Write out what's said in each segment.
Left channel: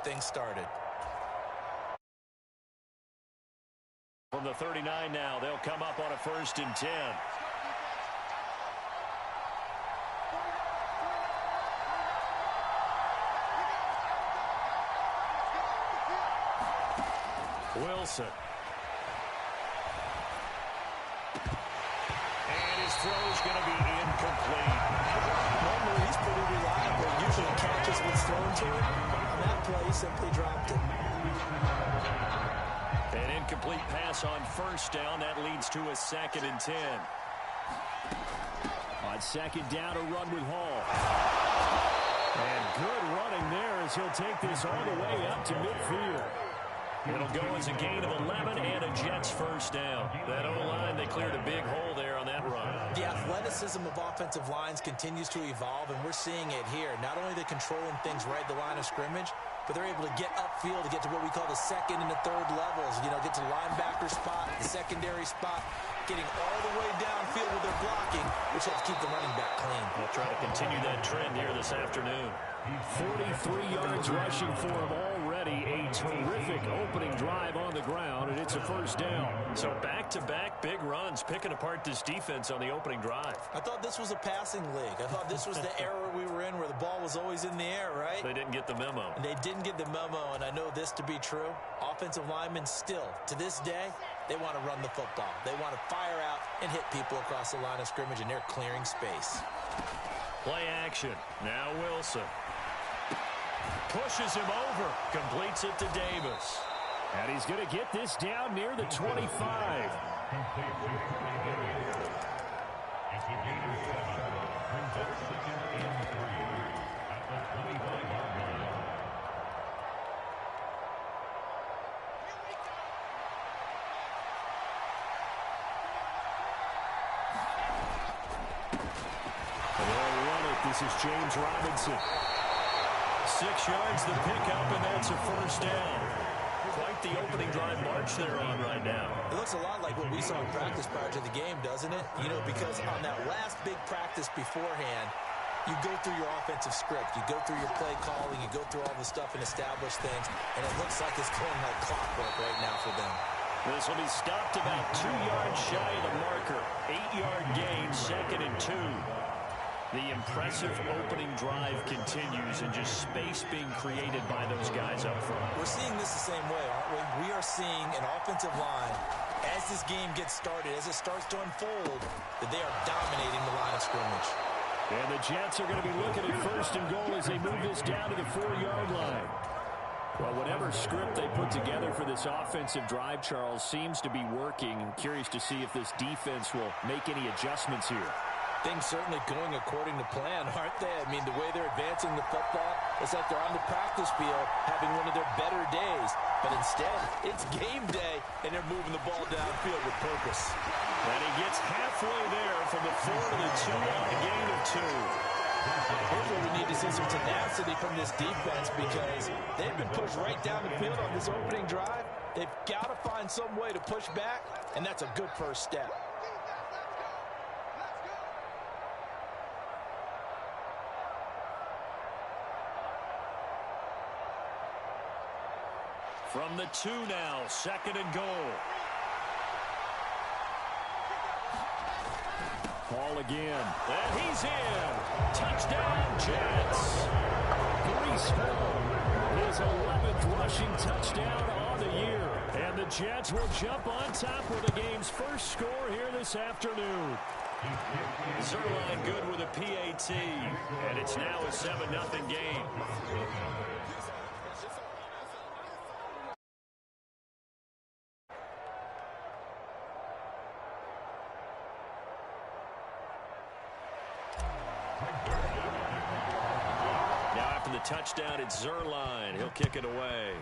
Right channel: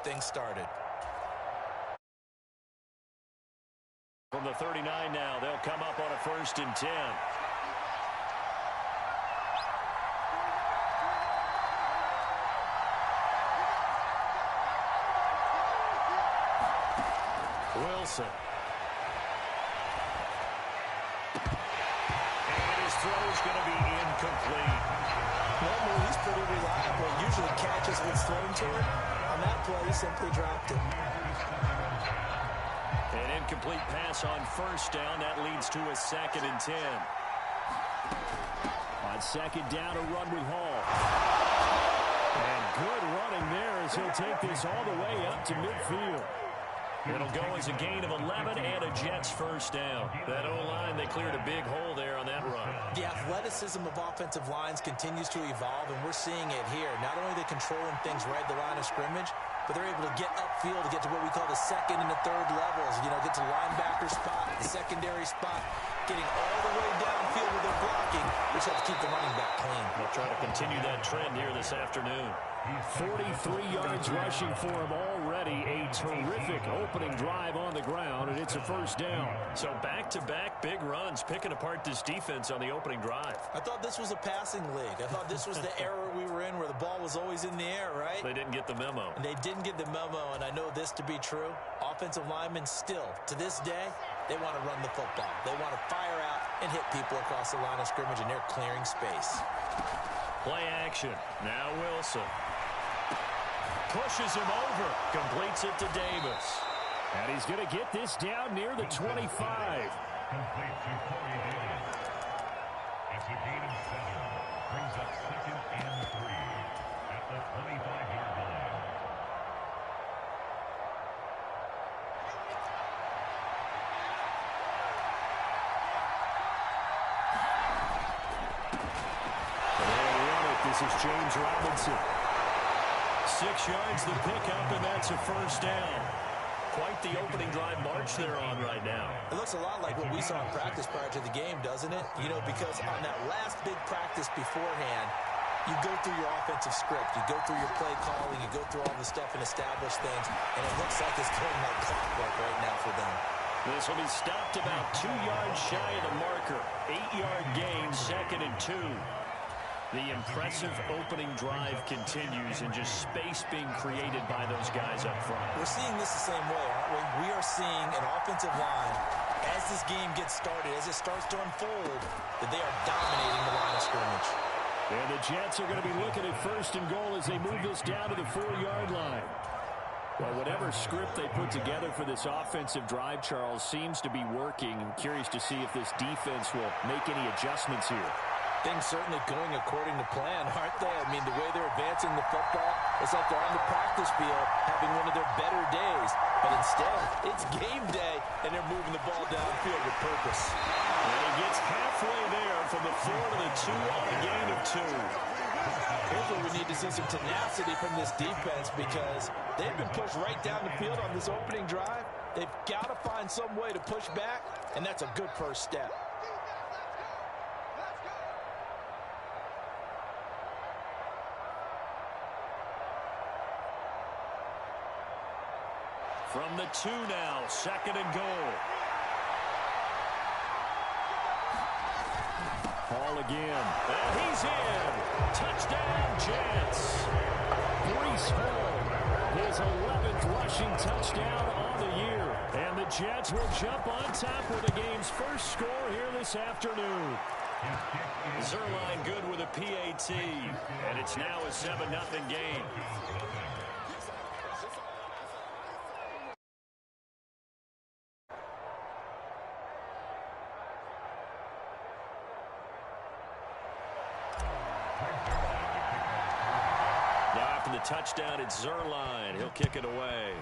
get things started. From the 39 now, they'll come up on a 1st and 10. Wilson. And his throw's going to be incomplete. Normally, he's pretty reliable. Usually catches what's thrown to him. On that play, he simply dropped it. An incomplete pass on 1st down. That leads to a 2nd and 10. On 2nd down, a run with Hall. And good running there as he'll take this all the way up to midfield. It'll go as a gain of 11 and a Jets 1st down. That O-line, they cleared a big hole there on that run. The athleticism of offensive lines continues to evolve, and we're seeing it here. Not only are they controlling things right at the line of scrimmage, but they're able to get upfield to get to what we call the 2nd and the 3rd levels. You know, get to the linebacker spot, the secondary spot, getting all the way downfield with their blocking, which helps keep the running back clean. They'll try to continue that trend here this afternoon. 43 yards rushing for him already. A terrific opening drive on the ground, and it's a 1st down. So back-to-back big runs, picking apart this defense on the opening drive. I thought this was a passing league. I thought this was the era we were in where the ball was always in the air, right? They didn't get the memo. And they didn't get the memo, and I know this to be true. Offensive linemen still, to this day, they want to run the football. They want to fire out and hit people across the line of scrimmage, and they're clearing space. Play action. Now Wilson. Pushes him over. Completes it to Davis. And he's going to get this down near the 25. Complete to Corey Davis. It's a gain of 7. Brings up 2nd and 3 at the 25-yard line. They'll run it. This is James Robinson. 6 yards the pickup, and that's a 1st down. Quite the opening drive march they're on right now. It looks a lot like what we saw in practice prior to the game, doesn't it? You know, because on that last big practice beforehand, you go through your offensive script. You go through your play calling. You go through all the stuff and establish things. And it looks like it's going like clockwork right now for them. This will be stopped about 2 yards shy of the marker. 8-yard gain, 2nd and 2. The impressive opening drive continues, and just space being created by those guys up front. We're seeing this the same way, aren't we? We are seeing an offensive line, as this game gets started, as it starts to unfold, that they are dominating the line of scrimmage. And the Jets are going to be looking at 1st and goal as they move this down to the 4-yard line. Well, whatever script they put together for this offensive drive, Charles, seems to be working. I'm curious to see if this defense will make any adjustments here. Things certainly going according to plan, aren't they? I mean, the way they're advancing the football, it's like they're on the practice field having one of their better days. But instead, it's game day, and they're moving the ball downfield with purpose. And he gets halfway there from the 4 to the 2 on a gain of 2. Here's where we need to see some tenacity from this defense, because they've been pushed right down the field on this opening drive. They've got to find some way to push back, and that's a good first step. From the 2 now, 2nd and goal. Hall again. And he's in. Touchdown, Jets. Breece Hall, his 11th rushing touchdown on the year. And the Jets will jump on top with the game's first score here this afternoon. Zuerlein good with a PAT. And it's now a 7-0 game. Now after the touchdown, it's Zuerlein. He'll kick it away.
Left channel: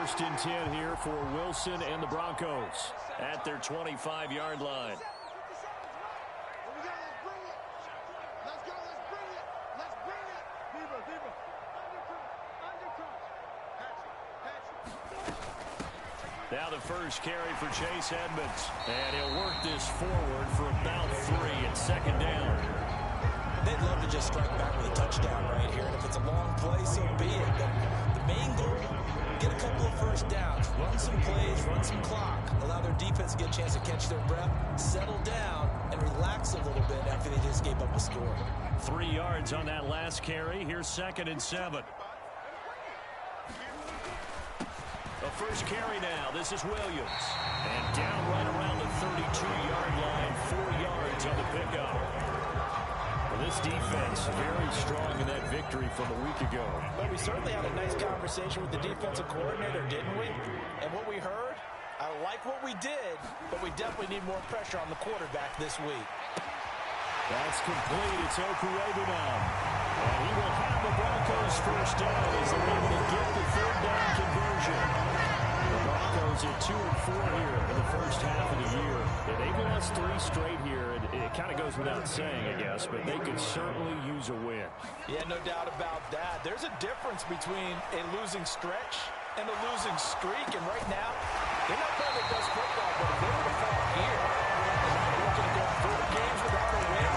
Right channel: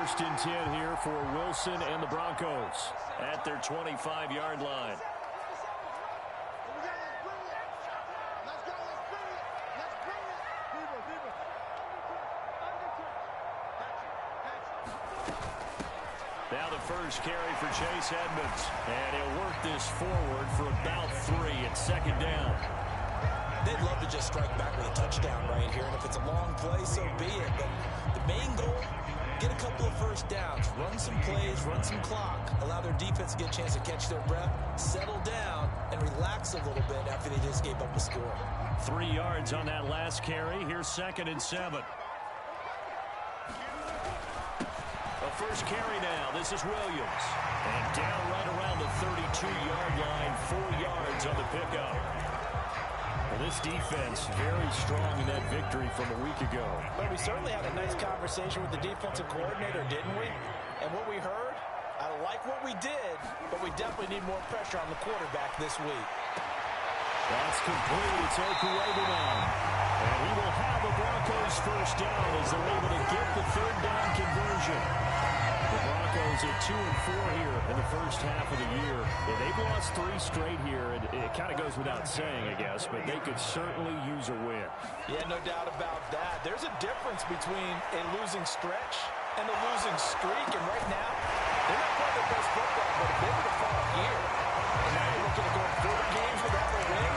First and 10 here for Wilson and the Broncos at their 25-yard line. Now the first carry for Chase Edmonds. And he'll work this forward for about 3 at second down. They'd love to just strike back with a touchdown right here. And if it's a long play, so be it. But the main goal, get a couple of first downs, run some plays, run some clock, allow their defense to get a chance to catch their breath, settle down, and relax a little bit after they just gave up a score. 3 yards on that last carry. Here's 2nd and 7. A first carry now. This is Williams. And down right around the 32-yard line. 4 yards on the pickup. Well, this defense very strong in that victory from a week ago. But we certainly had a nice conversation with the defensive coordinator, didn't we? And what we heard, I like what we did, but we definitely need more pressure on the quarterback this week. That's complete. It's Okuegbunam now. And he will have the Broncos first down as they're able to get the third down conversion. The Broncos at 2-4 here in the first half of the year. Yeah, they've lost 3 straight here. And it kind of goes without saying, I guess, but they could certainly use a win. Yeah, no doubt about that. There's a difference between a losing stretch and a losing streak. And right now, they're not playing their best football, but if they were to fall here, and now you're looking at going 4 games without a win,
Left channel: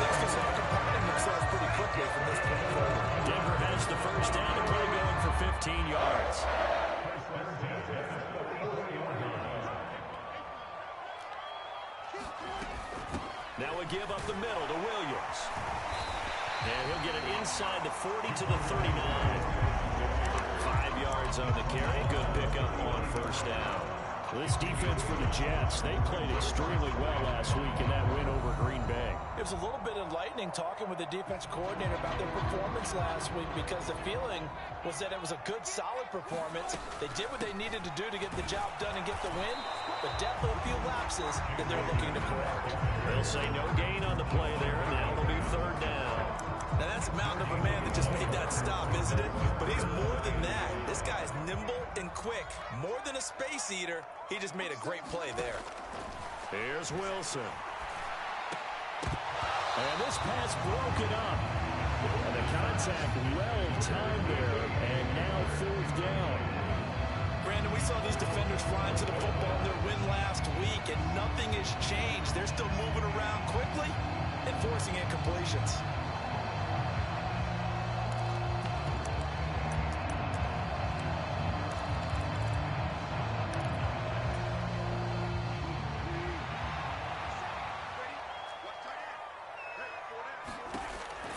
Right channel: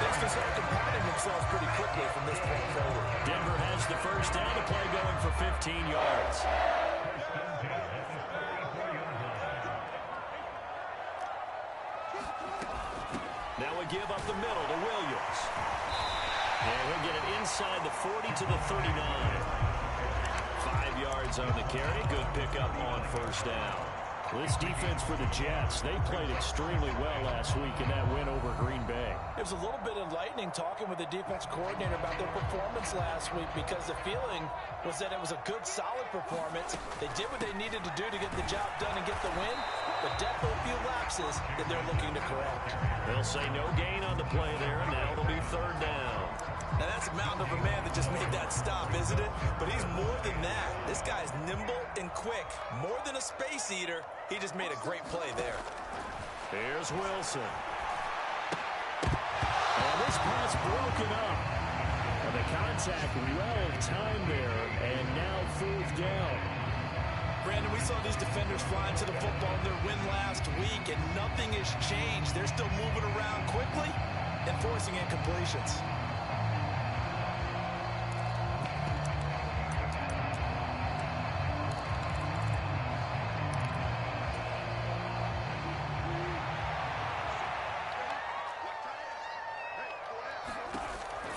things can start compounding themselves pretty quickly from this point forward. Denver has the first down to play, going for 15 yards. Now we give up the middle to Williams. And he'll get it inside the 40 to the 39. 5 yards on the carry. Good pickup on first down. This defense for the Jets, they played extremely well last week in that win over Green Bay. It was a little bit enlightening talking with the defense coordinator about their performance last week, because the feeling was that it was a good, solid performance. They did what they needed to do to get the job done and get the win, but definitely a few lapses that they're looking to correct. They'll say no gain on the play there, and now it'll be third down. Now, that's a mountain of a man that just made that stop, isn't it? But he's more than that. This guy's nimble and quick. More than a space eater, he just made a great play there. Here's Wilson. And this pass broken up. And the contact well timed there, and now fourth down. Brandon, we saw these defenders flying to the football in their win last week, and nothing has changed. They're still moving around quickly and forcing incompletions.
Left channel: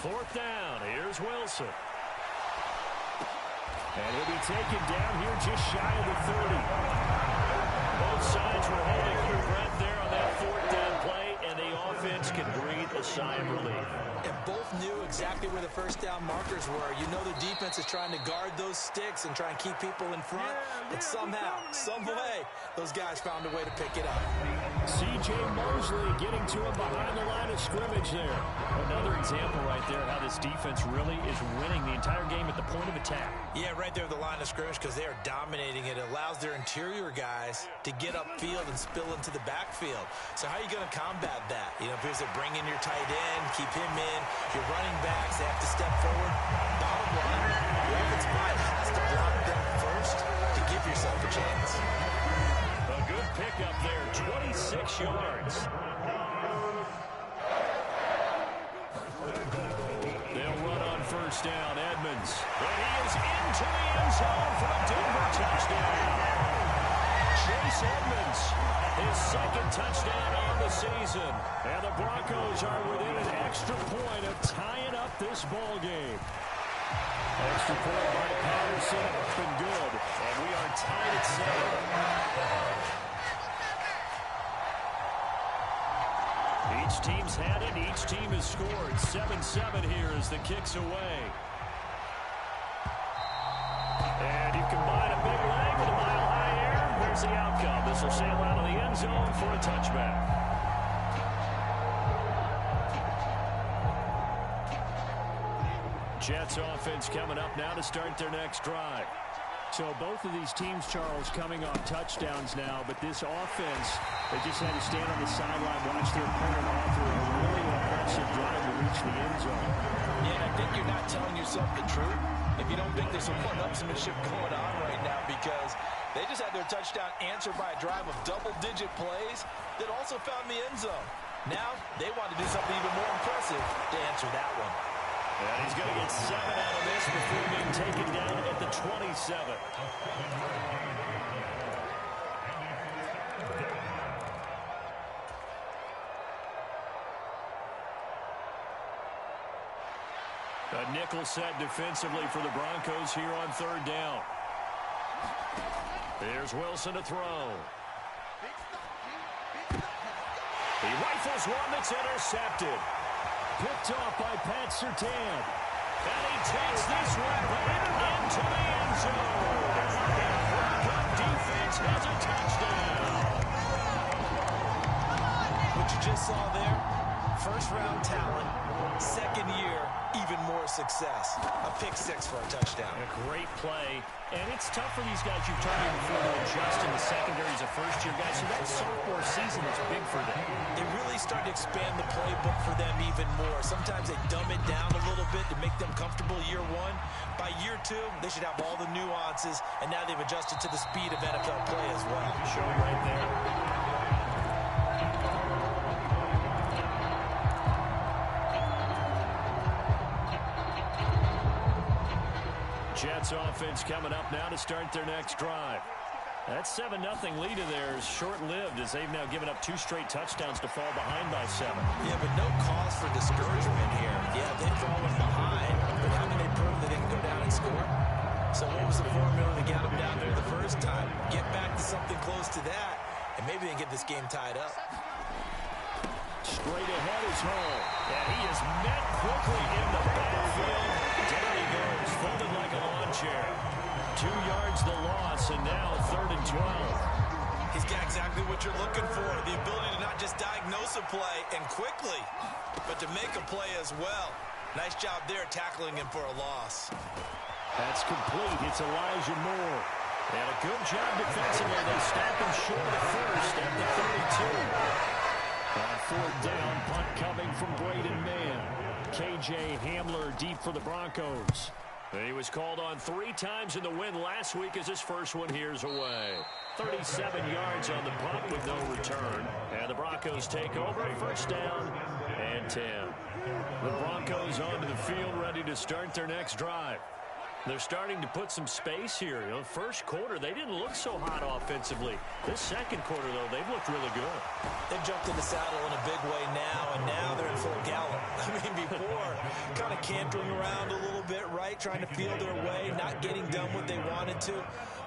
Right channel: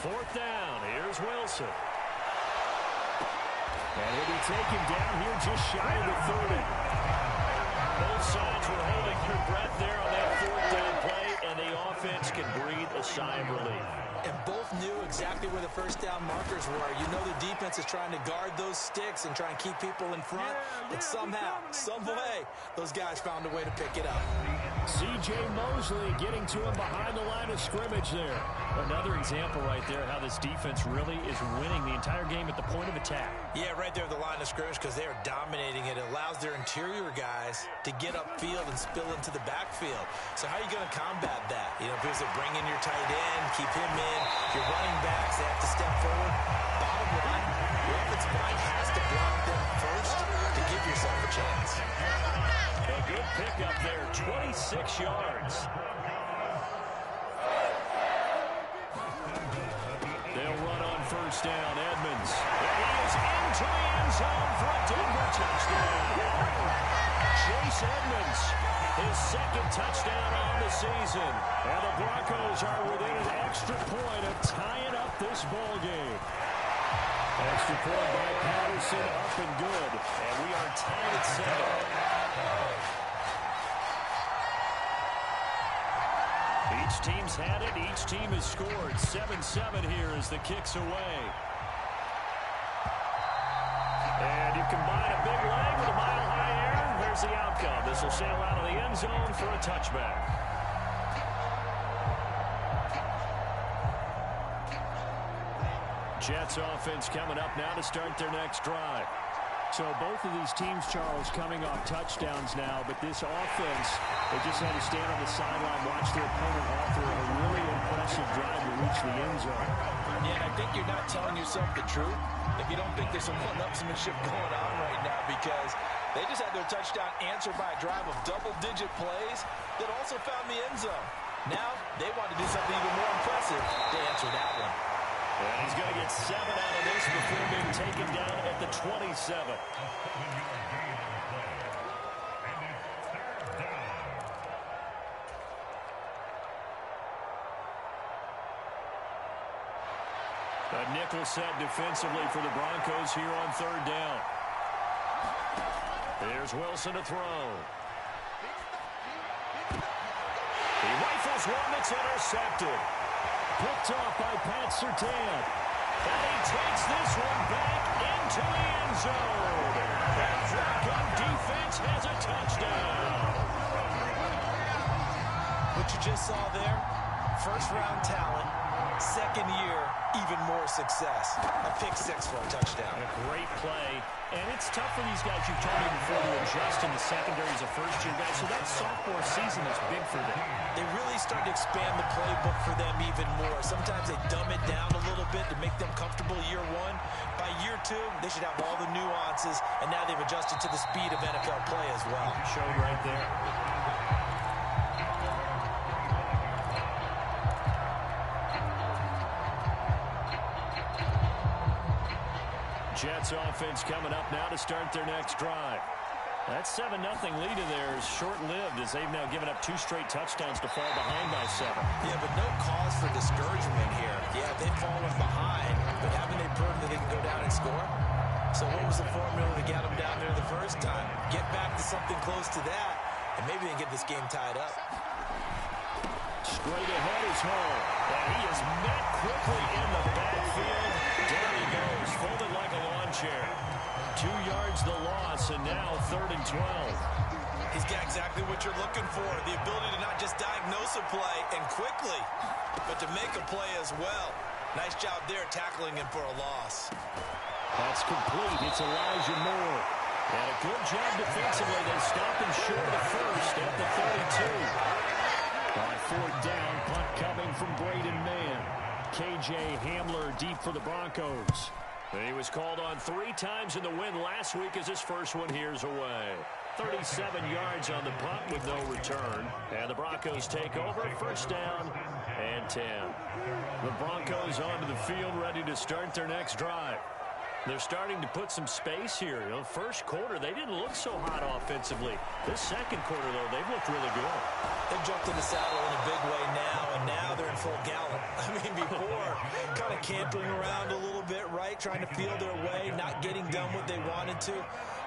Fourth down. Here's Wilson. And he'll be taken down here just shy of the 30. Both sides were holding their breath there on that fourth down play, and the offense can breathe a sigh of relief. And both knew exactly where the first down markers were. You know the defense is trying to guard those sticks and try and keep people in front. But somehow, some way, those guys found a way to pick it up. C.J. Mosley getting to him behind the line of scrimmage there. Another example right there how this defense really is winning the entire game at the point of attack. Yeah, right there at the line of scrimmage, because they are dominating it. It allows their interior guys to get upfield and spill into the backfield. So how are you going to combat that? You know, because they bring in your tight end, keep him in. Your running backs, they have to step forward. Bottom line, your offensive line has to block them first to give yourself a chance. A good pickup there, 26 yards. They'll run on first down, Edmonds. And he is into the end zone for a Denver touchdown. Chase Edmonds, his second touchdown on the season. And the Broncos are within an extra point of tying up this ball game. Extra point by Patterson, up and good. And we are tied at 7. Each team's had it. Each team has scored. 7-7 here as the kick's away. And you combine a big leg with a mile-high air. There's the outcome. This will sail out of the end zone for a touchback. Jets offense coming up now to start their next drive. So both of these teams, Charles, coming off touchdowns now, but this offense, they just had to stand on the sideline, watch their opponent offer a really impressive drive to reach the end zone. Yeah, and I think you're not telling yourself the truth if you don't think there's some one-upsmanship going on right now, because they just had their touchdown answered by a drive of double-digit plays that also found the end zone. Now they want to do something even more impressive to answer that one. And he's going to get 7 out of this before being taken down at the 27. A nickel set defensively for the Broncos here on 3rd down. Here's Wilson to throw. He rifles one that's intercepted. Picked off by Pat Surtain. And he takes this one back into the end zone. And the Bronco defense has a touchdown. What you just saw there, first-round talent, second year, even more success. A pick-6 for a touchdown. And a great play. And it's tough for these guys, you've told me before, to adjust in the secondary as a first-year guy. So that sophomore season is big for them. They really start to expand the playbook for them even more. Sometimes they dumb it down a little bit to make them comfortable year 1. By year 2, they should have all the nuances, and now they've adjusted to the speed of NFL play as well. Showed right there. Jets offense coming up now to start their next drive. That 7-0 lead of theirs short-lived as they've now given up 2 straight touchdowns to fall behind by 7. Yeah, but no cause for discouragement here. Yeah, they've fallen behind, but haven't they proven that they can go down and score? So what was the formula that got them down there the first time? Get back to something close to that, and maybe they can get this game tied up. Straight ahead is Hall, and he is met quickly in the backfield. Down he goes, folded like a lawn chair. 2 yards the loss, and now 3rd and 12. He's got exactly what you're looking for, the ability to not just diagnose a play and quickly, but to make a play as well. Nice job there tackling him for a loss. That's complete. It's Elijah Moore. And a good job defensively. They stop him short of the first at the 32. On 4th down, punt coming from Braden Mann. KJ Hamler deep for the Broncos. He was called on 3 times in the win last week as his first one here's away. 37 yards on the punt with no return. And the Broncos take over, 1st down and 10. The Broncos onto the field ready to start their next drive. They're starting to put some space here. You know, first quarter, they didn't look so hot offensively. This second quarter, though, they've looked really good. They've jumped in the saddle in a big way now, and now they're in full gallop. I mean, before, kind of cantering around a little bit, right, trying to feel their way, not getting done what they wanted to.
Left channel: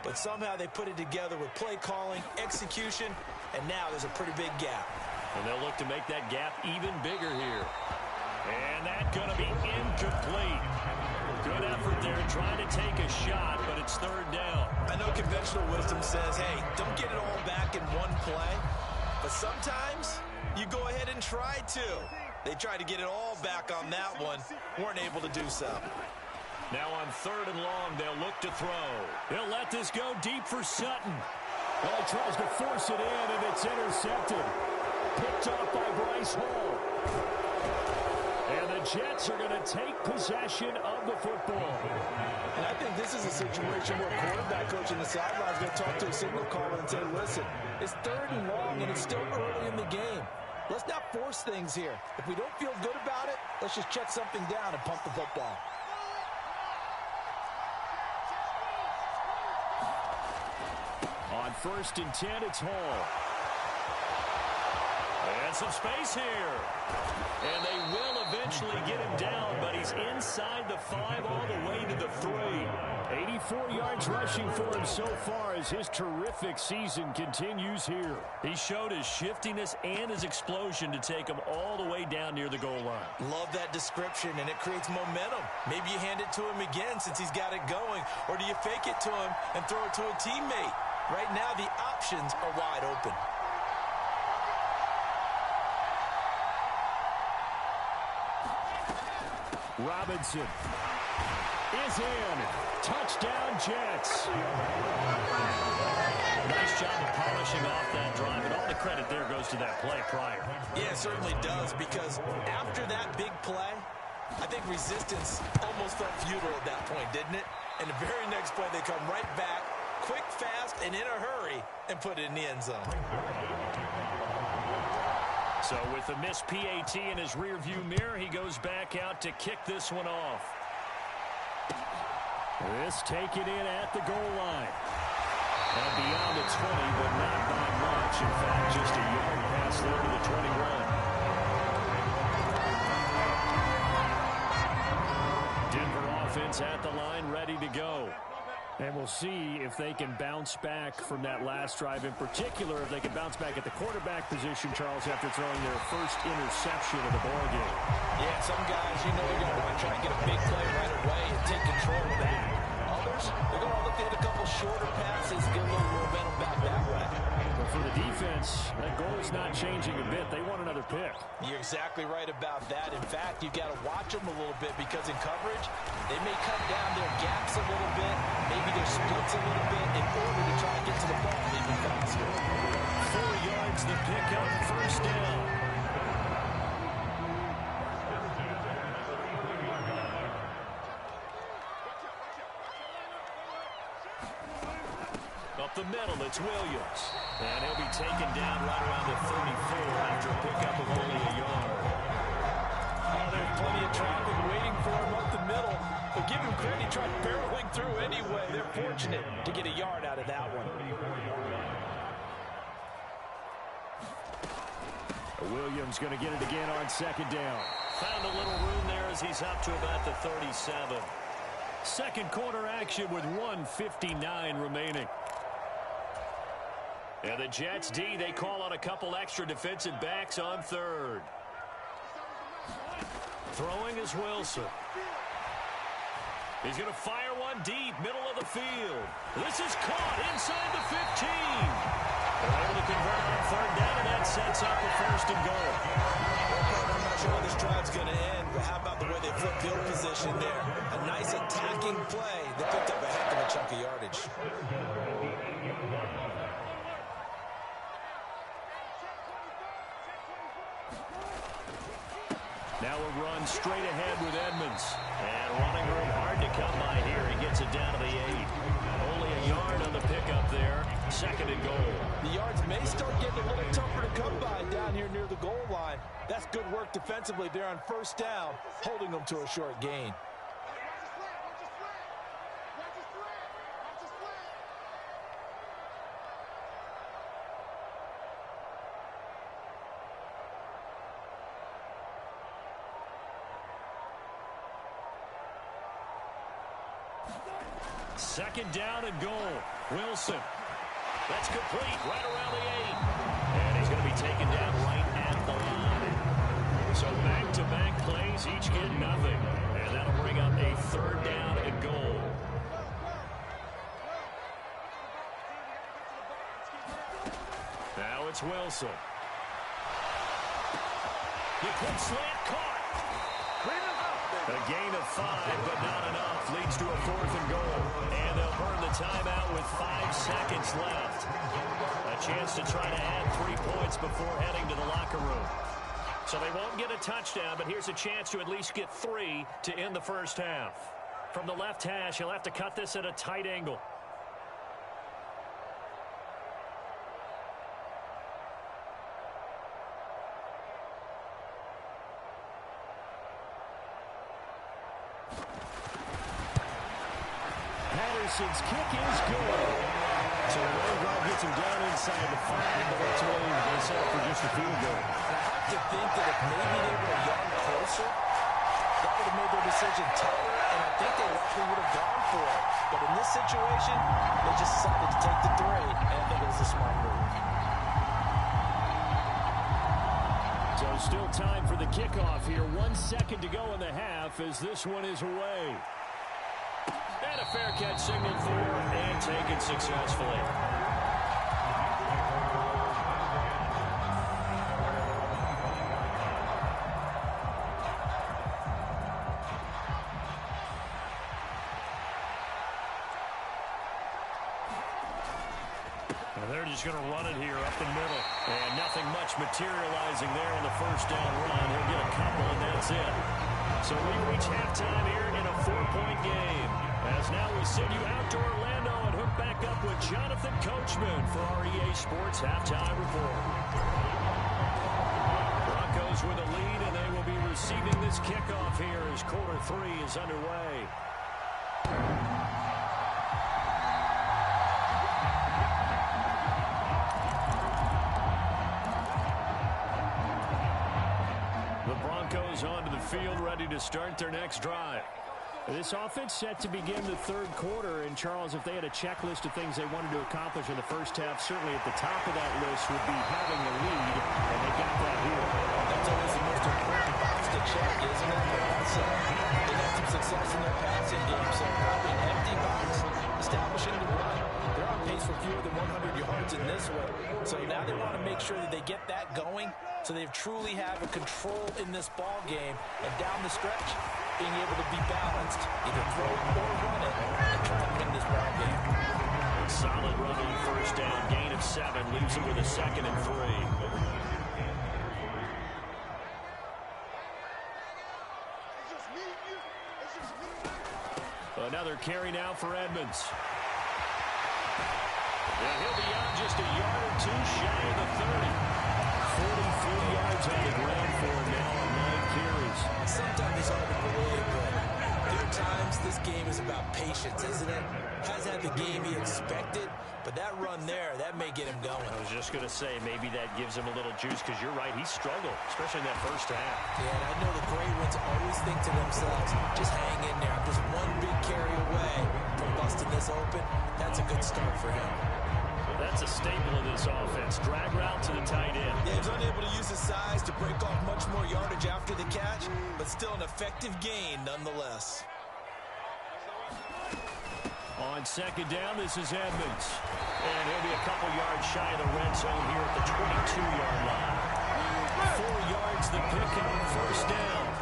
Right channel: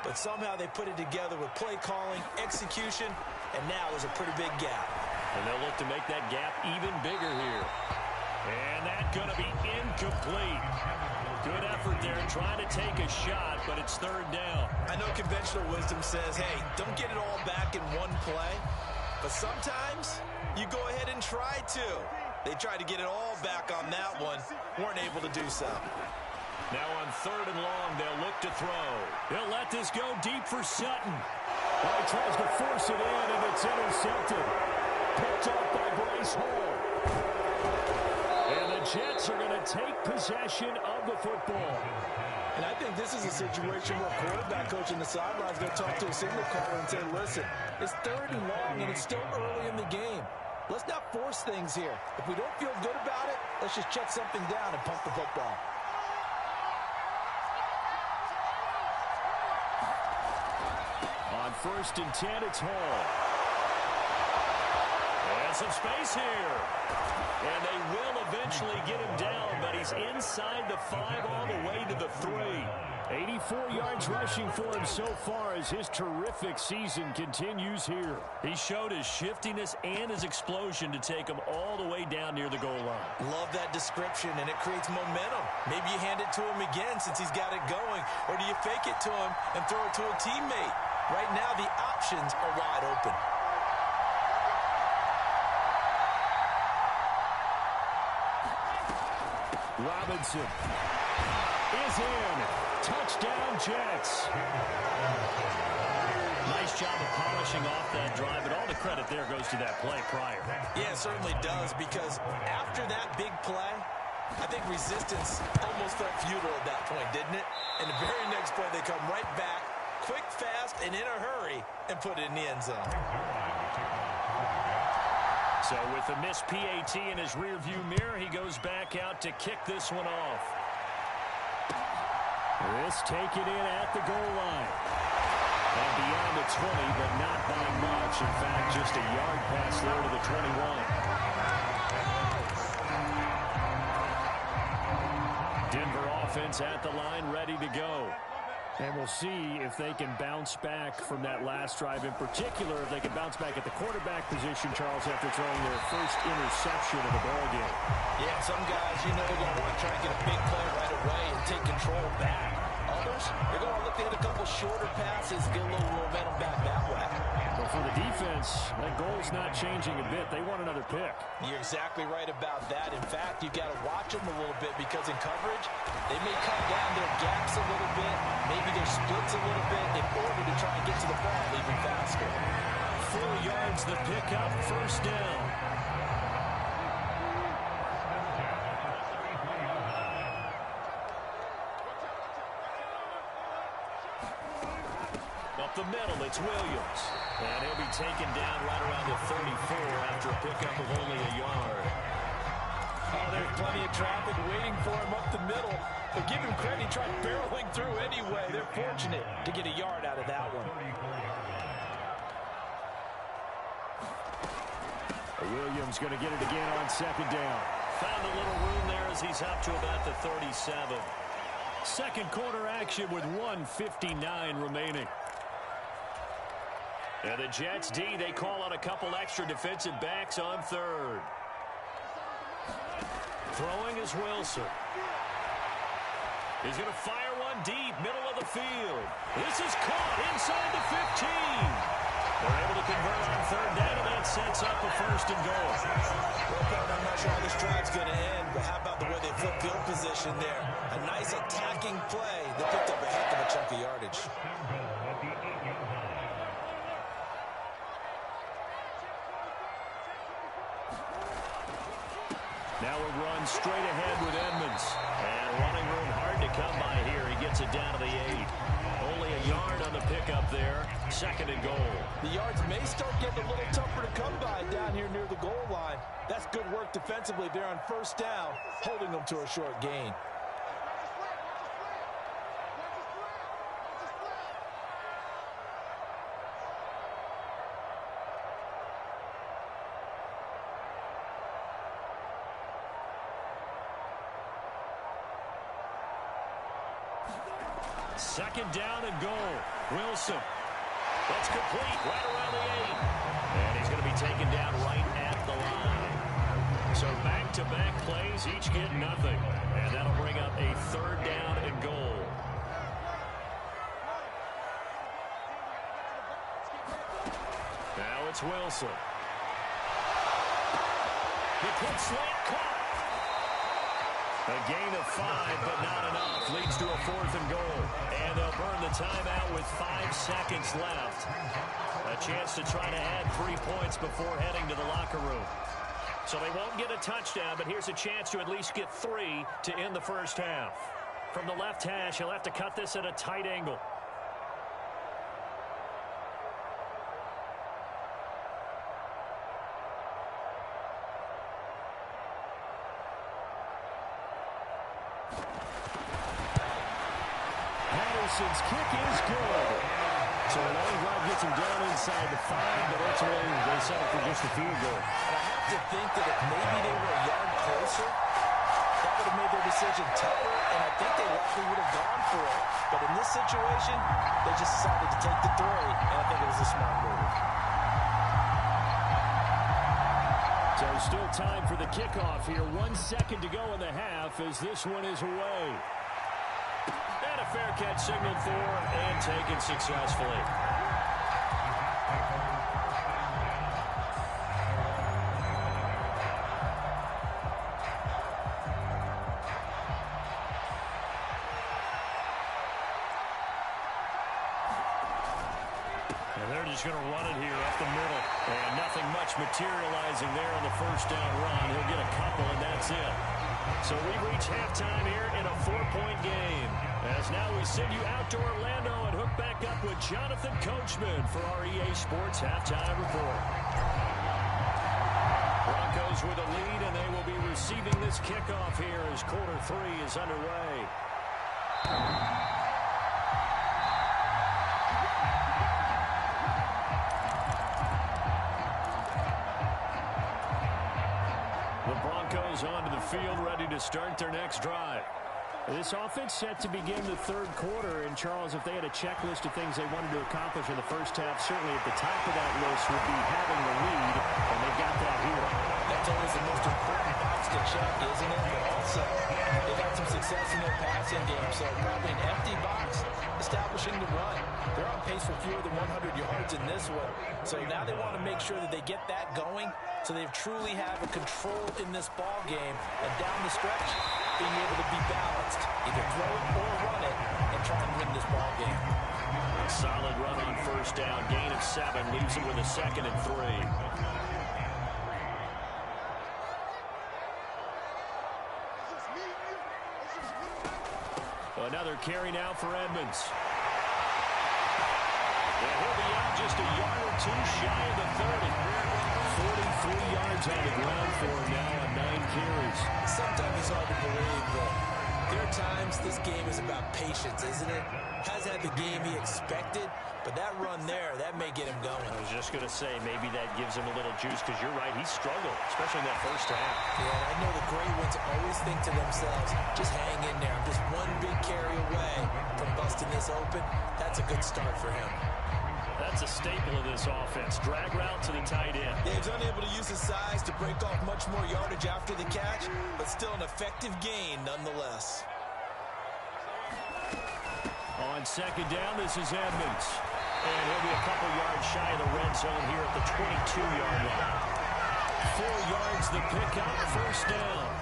But somehow they put it together with play calling, execution, and now there's a pretty big gap. And they'll look to make that gap even bigger here. And that's going to be incomplete. Good effort there, trying to take a shot, but it's 3rd down. I know conventional wisdom says, hey, don't get it all back in one play. But sometimes you go ahead and try to. They tried to get it all back on that one. Weren't able to do so. Now on 3rd and long, they'll look to throw. He'll let this go deep for Sutton. Well, he tries to force it in, and it's intercepted. Picked off by Bryce Hall. And the Jets are going to take possession of the football. And I think this is a situation where quarterback coach in the sideline is going to talk to a signal caller and say, listen, it's 3rd and long, and it's still early in the game. Let's not force things here. If we don't feel good about it, let's just check something down and pump the football. On 1st and 10, it's Hall. And some space here. And they will eventually get him down, but he's inside the 5 all the way to the 3. 84 yards rushing for him so far as his terrific season continues here. He showed his shiftiness and his explosion to take him all the way down near the goal line. Love that description, and it creates momentum. Maybe you hand it to him again since he's got it going, or do you fake it to him and throw it to a teammate? Right now, the options are wide open. Robinson. is in. Touchdown, Jets. Nice job of polishing off that drive, and all the credit there goes to that play prior. Yeah, it certainly does, because after that big play, I think resistance almost felt futile at that point, didn't it? And the very next play, they come right back, quick, fast, and in a hurry, and put it in the end zone. So with the missed PAT in his rearview mirror, he goes back out to kick this one off. This taken in at the goal line. And beyond the 20, but not by much. In fact, just a yard pass there to the 21. Denver offense at the line, ready to go. And we'll see if they can bounce back from that last drive. In particular, if they can bounce back at the quarterback position, Charles, after throwing their first interception of the ballgame. Yeah, some guys, you know, they're going to want to try and get a big play right away and take control back. Others, they're going to look to hit a couple shorter passes, get a little momentum back that way. But for the defense, that goal's not changing a bit. They want another pick. You're exactly right about that. In fact, you've got to watch them a little bit, because in coverage, they may cut down their gaps a little bit, maybe their splits a little bit, in order to try and get to the ball even faster. 4 yards the pickup, first down. Up the middle, it's Williams. And he'll be taken down right around the 34 after a pickup of only a yard. Oh, there's plenty of traffic waiting for him up the middle. But give him credit, he tried barreling through anyway. They're fortunate to get a yard out of that one. Williams going to get it again on second down. Found a little room there as he's up to about the 37. Second quarter action with 1:59 remaining. And the Jets D, they call on a couple extra defensive backs on third. Throwing is Wilson. He's going to fire one deep, middle of the field. This is caught inside the 15. They're able to convert on third down, and that sets up a first and goal. Well, partner, I'm not sure how this drive's going to end, but how about the way they flip field position there? A nice attacking play that picked up a heck of a chunk of yardage. Now a run straight ahead with Edmonds. And running room hard to come by here. He gets it down to the 8. Only a yard on the pickup there. Second and goal. The yards may start getting a little tougher to come by down here near the goal line. That's good work defensively there on first down, holding them to a short gain. Second down and goal. Wilson. That's complete right around the 8. And he's going to be taken down right at the line. So back-to-back plays, each get nothing. And that'll bring up a third down and goal. Now it's Wilson. The quick slant caught. A gain of 5, but not enough. Leads to a fourth and goal. And they'll burn the timeout with 5 seconds left. A chance to try to add 3 points before heading to the locker room. So they won't get a touchdown, but here's a chance to at least get 3 to end the first half. From the left hash, he'll have to cut this at a tight angle. Patterson's kick is good. So the long drive gets him down inside the 5, but ultimately they settle for just a field goal. And I have to think that if maybe they were a yard closer, that would have made their decision tougher, and I think they likely would have gone for it. But in this situation, they just decided to take the 3, and I think it was a smart move. So still time for the kickoff here. 1 second to go in the half as this one is away. And a fair catch signaled for and taken successfully. And they're just going to run it here up the middle. And nothing much materializing there on the first down run. He'll get a couple, and that's it. So we've reached halftime here in a 4-point game. As now we send you out to Orlando and hook back up with Jonathan Coachman for our EA Sports Halftime Report. Broncos with a lead, and they will be receiving this kickoff here as quarter 3 is underway. The Broncos onto the field, ready to start their next drive. This offense set to begin the third quarter, and Charles, if they had a checklist of things they wanted to accomplish in the first half, certainly at the top of that list would be having the lead, and they got that here. That's always the most important box to check, isn't it? But also, they've had some success in their passing game, so probably an empty box establishing the run. They're on pace for fewer than 100 yards in this one, so now they want to make sure that they get that going so they truly have a control in this ball game, and down the stretch, being able to be balanced, either throw it or run it, and try and win this ball game. Solid run on first down. Gain of 7. Leaves them with a 2nd and 3. Another carry now for Edmonds. And he'll be out just a yard or two shy of the 30. 43 yards on the ground for him now on 9 carries. Sometimes it's hard to believe, but there are times this game is about patience, isn't it? Hasn't had the game he expected, but that run there, that may get him going. I was just going to say, maybe that gives him a little juice, because you're right, he struggled, especially in that first half. Yeah, and I know the great ones always think to themselves, just hang in there. I'm just one big carry away from busting this open. That's a good start for him. That's a staple of this offense. Drag route to the tight end. Yeah, he's unable to use his size to break off much more yardage after the catch, but still an effective gain nonetheless. On second down, this is Edmonds. And he'll be a couple yards shy of the red zone here at the 22-yard line. 4 yards the pickup, first down.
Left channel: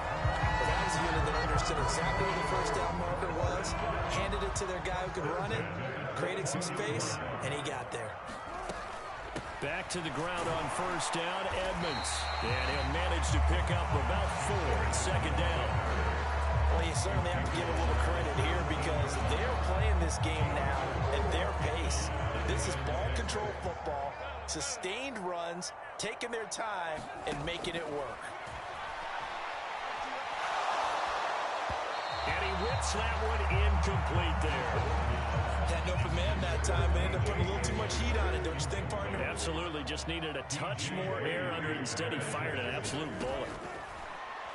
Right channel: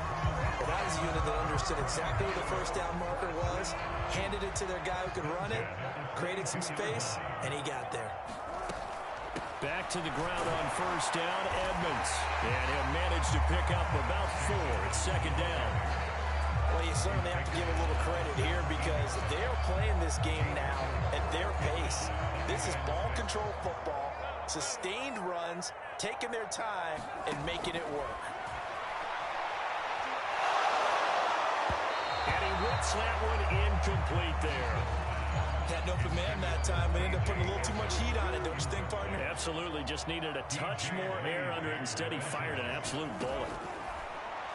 Well, that was a unit that understood exactly where the first down marker was, handed it to their guy who could run it, created some space, and he got there. Back to the ground on first down, Edmonds. And he'll manage to pick up about 4 at second down. Well, you certainly have to give a little credit here because they're playing this game now at their pace. This is ball control football, sustained runs, taking their time, and making it work. And he whips that one incomplete there. Had an open man that time, but ended up putting a little too much heat on it, don't you think, partner? Absolutely, just needed a touch more air under it. Instead, he fired an absolute bullet.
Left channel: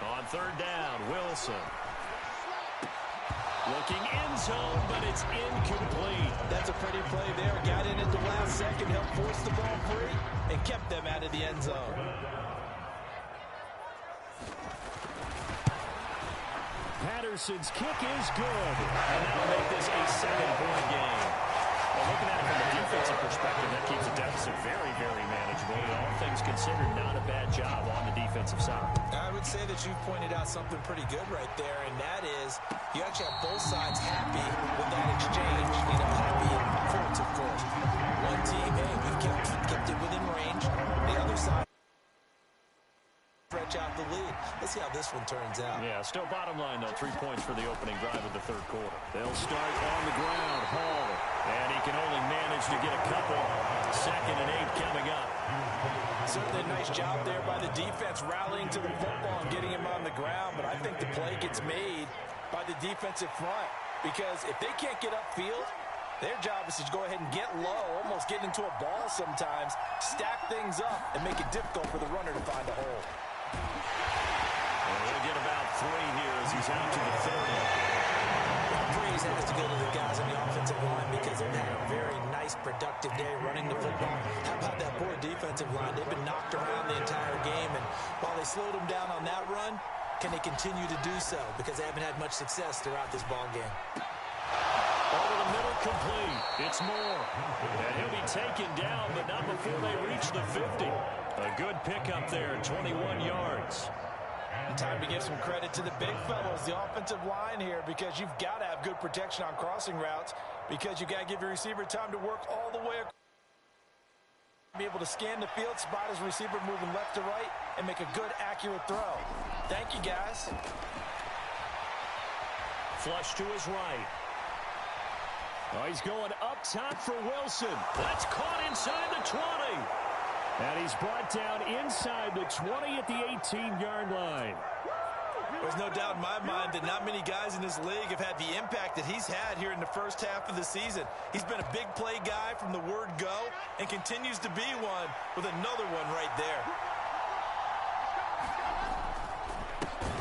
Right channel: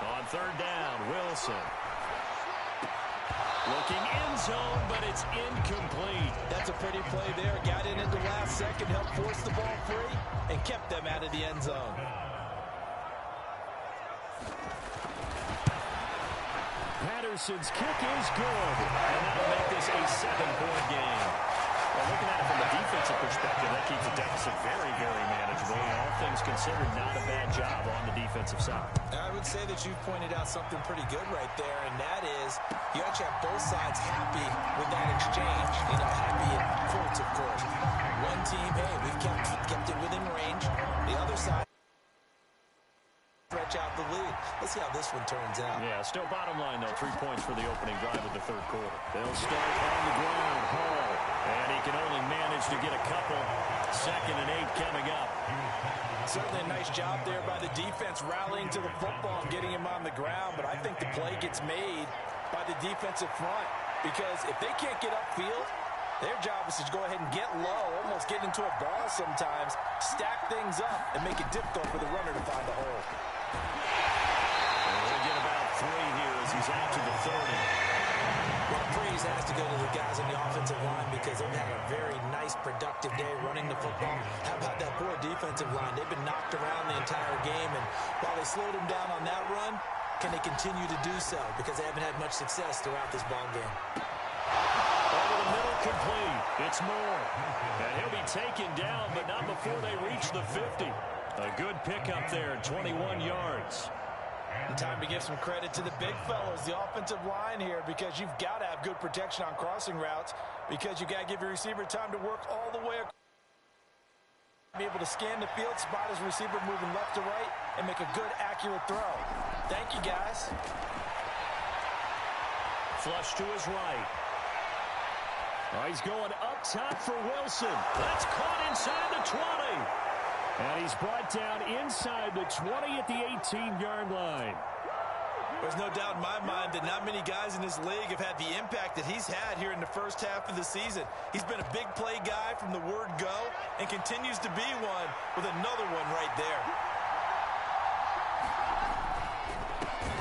On third down, Wilson. Looking end zone, but it's incomplete. That's a pretty play there. Got in at the last second, helped force the ball free, and kept them out of the end zone. Patterson's kick is good, and that'll make this a 7-point game. Well, looking at it from a defensive perspective, that keeps the deficit very, very manageable. All things considered, not a bad job on the defensive side. I would say that you've pointed out something pretty good right there, and that is you actually have both sides happy with that exchange. You know, happy in quotes, of course. One team, hey, we've kept it within range. The other side stretch out the lead. Let's see how this one turns out. Yeah, still bottom line, though. 3 points for the opening drive of the third quarter. They'll start on the ground. Hall. And he can only manage to get a couple. 2nd and 8 coming up. Certainly a nice job there by the defense rallying to the football and getting him on the ground, but I think the play gets made by the defensive front because if they can't get upfield, their job is to go ahead and get low, almost get into a ball sometimes, stack things up, and make it difficult for the runner to find a hole. And we'll get about 3 here as he's out to the 30. Well, praise has to go to the guys on the offensive line because they've had a very nice, productive day running the football. How about that poor defensive line? They've been knocked around the entire game, and while they slowed them down on that run, can they continue to do so? Because they haven't had much success throughout this ball game. Over the middle, complete. It's Moore. And he'll be taken down, but not before they reach the 50. A good pickup there, 21 yards. And time to give some credit to the big fellows, the offensive line here, because you've got to have good protection on crossing routes because you've got to give your receiver time to work all the way across. Be able to scan the field, spot his receiver moving left to right, and make a good, accurate throw. Thank you, guys. Flush to his right. Oh, he's going up top for Wilson. That's caught inside the 20. And he's brought down inside the 20 at the 18-yard line. There's no doubt in my mind that not many guys in this league have had the impact that he's had here in the first half of the season. He's been a big play guy from the word go and continues to be one with another one right there.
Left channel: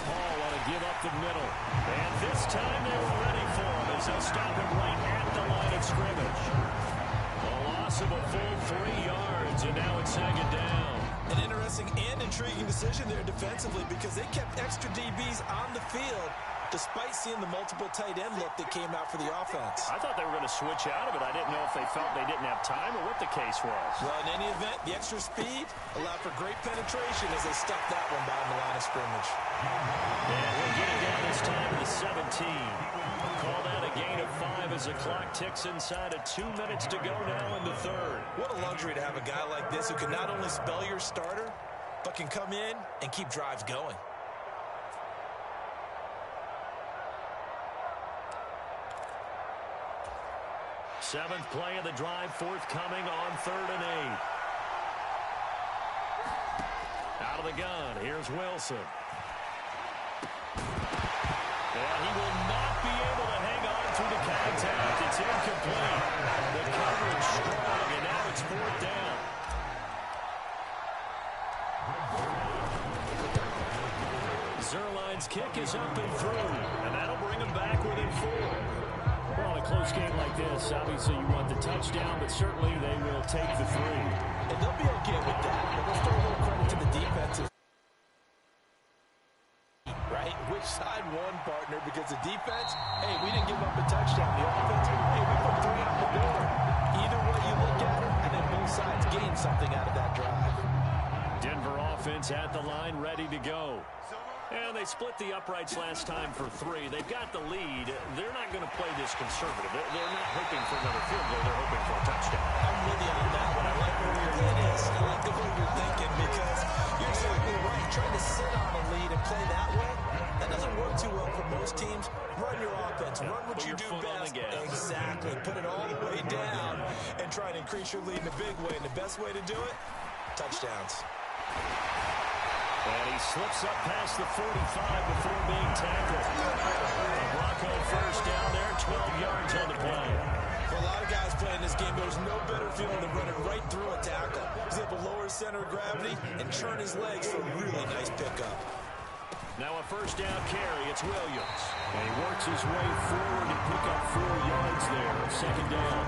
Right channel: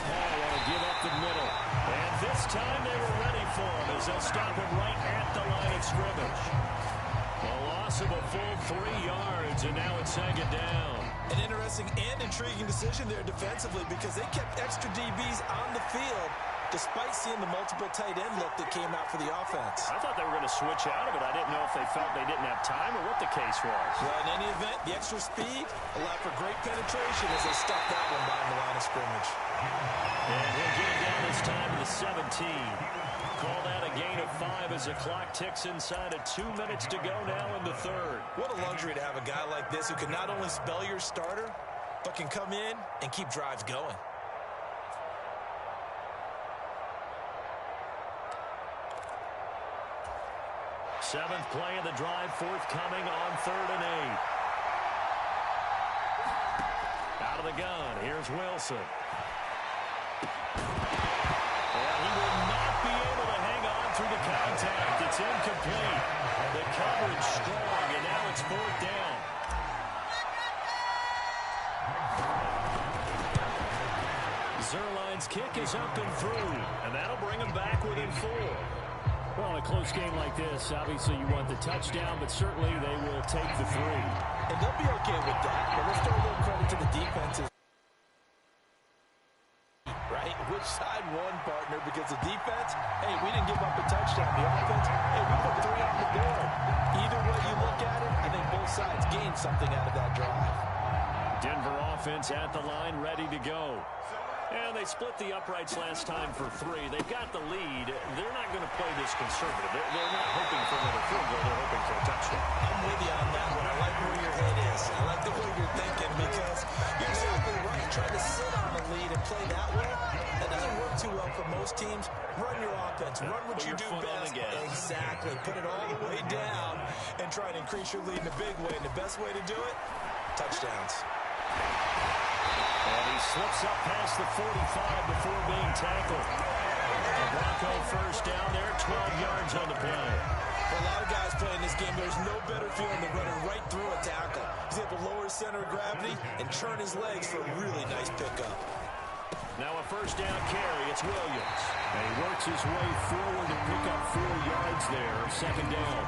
Paul want to give up the middle. And this time they were ready for him as they'll stop him right at the line of scrimmage. A loss of a full 3 yards, and now it's second down. An interesting and intriguing decision there defensively because they kept extra DBs on the field despite seeing the multiple tight end look that came out for the offense. I thought they were going to switch out of it. I didn't know if they felt they didn't have time or what the case was. Well, in any event, the extra speed allowed for great penetration as they stuffed that one behind the line of scrimmage. And he'll get it down this time to the 17. Call that a gain of 5 as the clock ticks inside of 2 minutes to go now in the third. What a luxury to have a guy like this who can not only spell your starter, but can come in and keep drives going. Seventh play of the drive forthcoming on 3rd and 8. Out of the gun, here's Wilson. And he will not be able to hang on through the contact. It's incomplete. The coverage strong, and now it's 4th down. Zuerlein's kick is up and through, and that'll bring him back within 4. Well, in a close game like this, obviously you want the touchdown, but certainly they will take the 3. And they'll be okay with that, but let's throw a little credit to the defenses. Right? Which side won, partner? Because the defense, hey, we didn't give up a touchdown. The offense, hey, we put 3 on the board. Either way you look at it, I think both sides gained something out of that drive. Denver offense at the line, ready to go. And they split the uprights last time for 3. They've got the lead. They're not going to play this conservative. They're not hoping for another field goal. They're hoping for a touchdown. I'm with you on that one. I like where your head is. I like the way you're thinking because you're exactly right. Trying to sit on a lead and play that way, that doesn't work too well for most teams. Run your offense. Run what you do best. Exactly. Put it all the way down and try to increase your lead in a big way. And the best way to do it, touchdowns. And he slips up past the 45 before being tackled. A Bronco first down there, 12 yards on the play. For a lot of guys playing this game, there's no better feeling than running right through a tackle. He's able to lower his center of gravity and turn his legs for a really nice pickup. Now a first down carry, it's Williams. And he works his way forward to pick up 4 yards there, second down.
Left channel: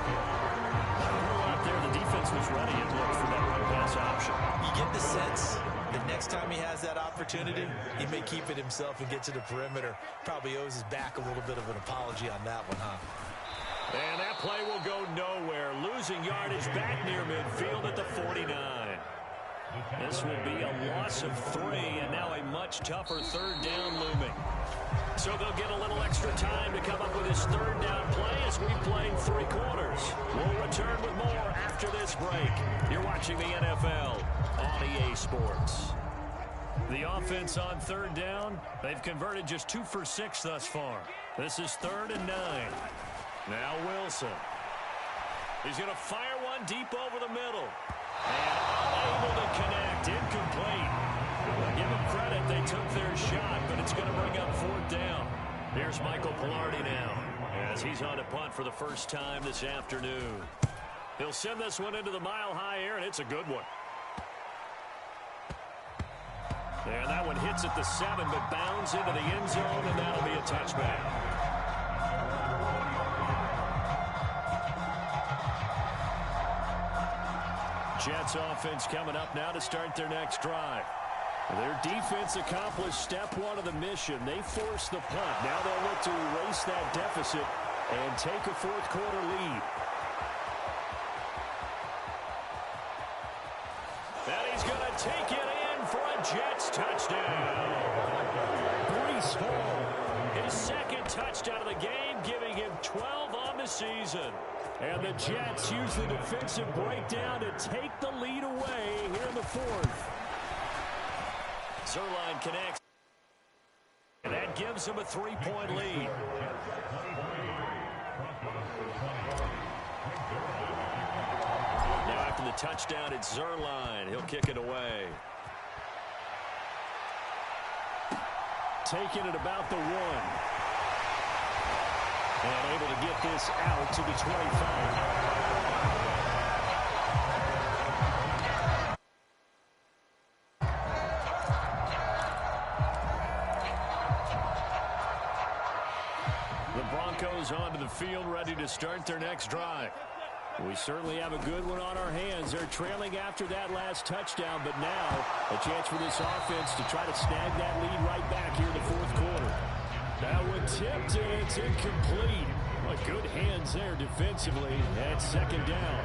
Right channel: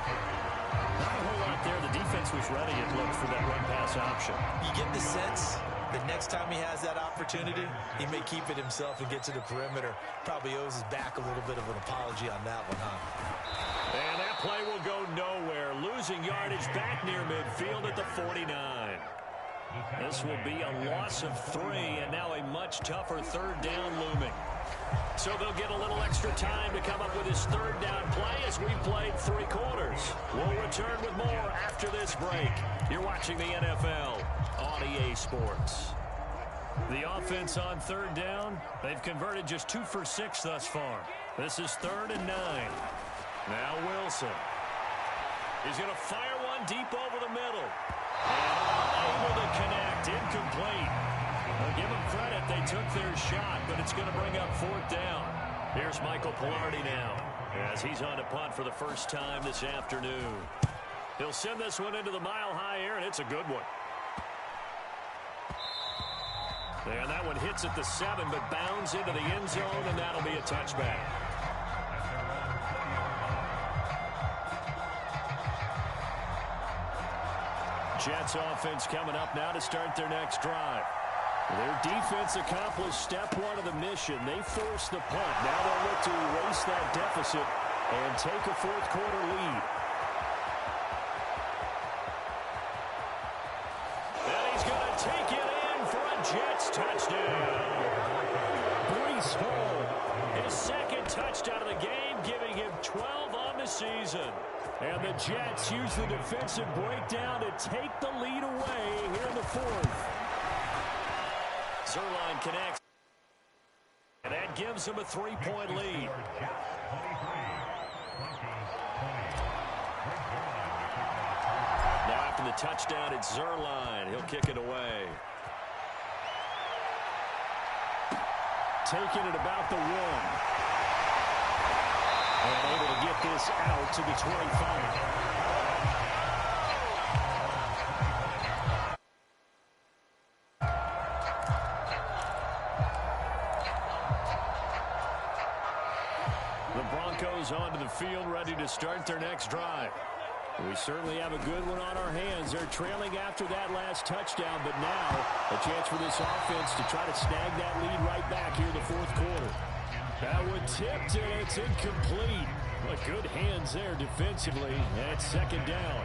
Not a whole lot there. The defense was ready, it looked, for that run-pass option. You get the sense that next time he has that opportunity, he may keep it himself and get to the perimeter. Probably owes his back a little bit of an apology on that one, huh? And that play will go nowhere. Losing yardage back near midfield at the 49. This will be a loss of 3, and now a much tougher 3rd down looming. So they'll get a little extra time to come up with his 3rd down play as we've played 3 quarters. We'll return with more after this break. You're watching the NFL on EA Sports. The offense on 3rd down, they've converted just 2 for 6 thus far. This is 3rd and 9. Now Wilson. He's going to fire one deep over the middle. And unable to connect, incomplete. Now give them credit, they took their shot, but it's going to bring up 4th down. Here's Michael Palardy now, as he's on to punt for the first time this afternoon. He'll send this one into the mile-high air, and it's a good one. And that one hits at the 7, but bounds into the end zone, and that'll be a touchback. Jets offense coming up now to start their next drive. Their defense accomplished step 1 of the mission. They forced the punt. Now they'll look to erase that deficit and take a 4th quarter lead. And he's going to take it in for a Jets touchdown. Breece Hall, his 2nd touchdown of the game, giving him 12 on on the season. And the Jets use the defensive breakdown to take the lead away here in the fourth. Zuerlein connects. And that gives them a 3-point lead. Now after the touchdown, it's Zuerlein. He'll kick it away. Taking it about the 1. And able to get this out to the 25. The Broncos onto the field, ready to start their next drive. We certainly have a good one on our hands. They're trailing after that last touchdown, but now a chance for this offense to try to snag that lead right back here in the fourth quarter. That one tipped, and it's incomplete. Well, good hands there defensively at second down.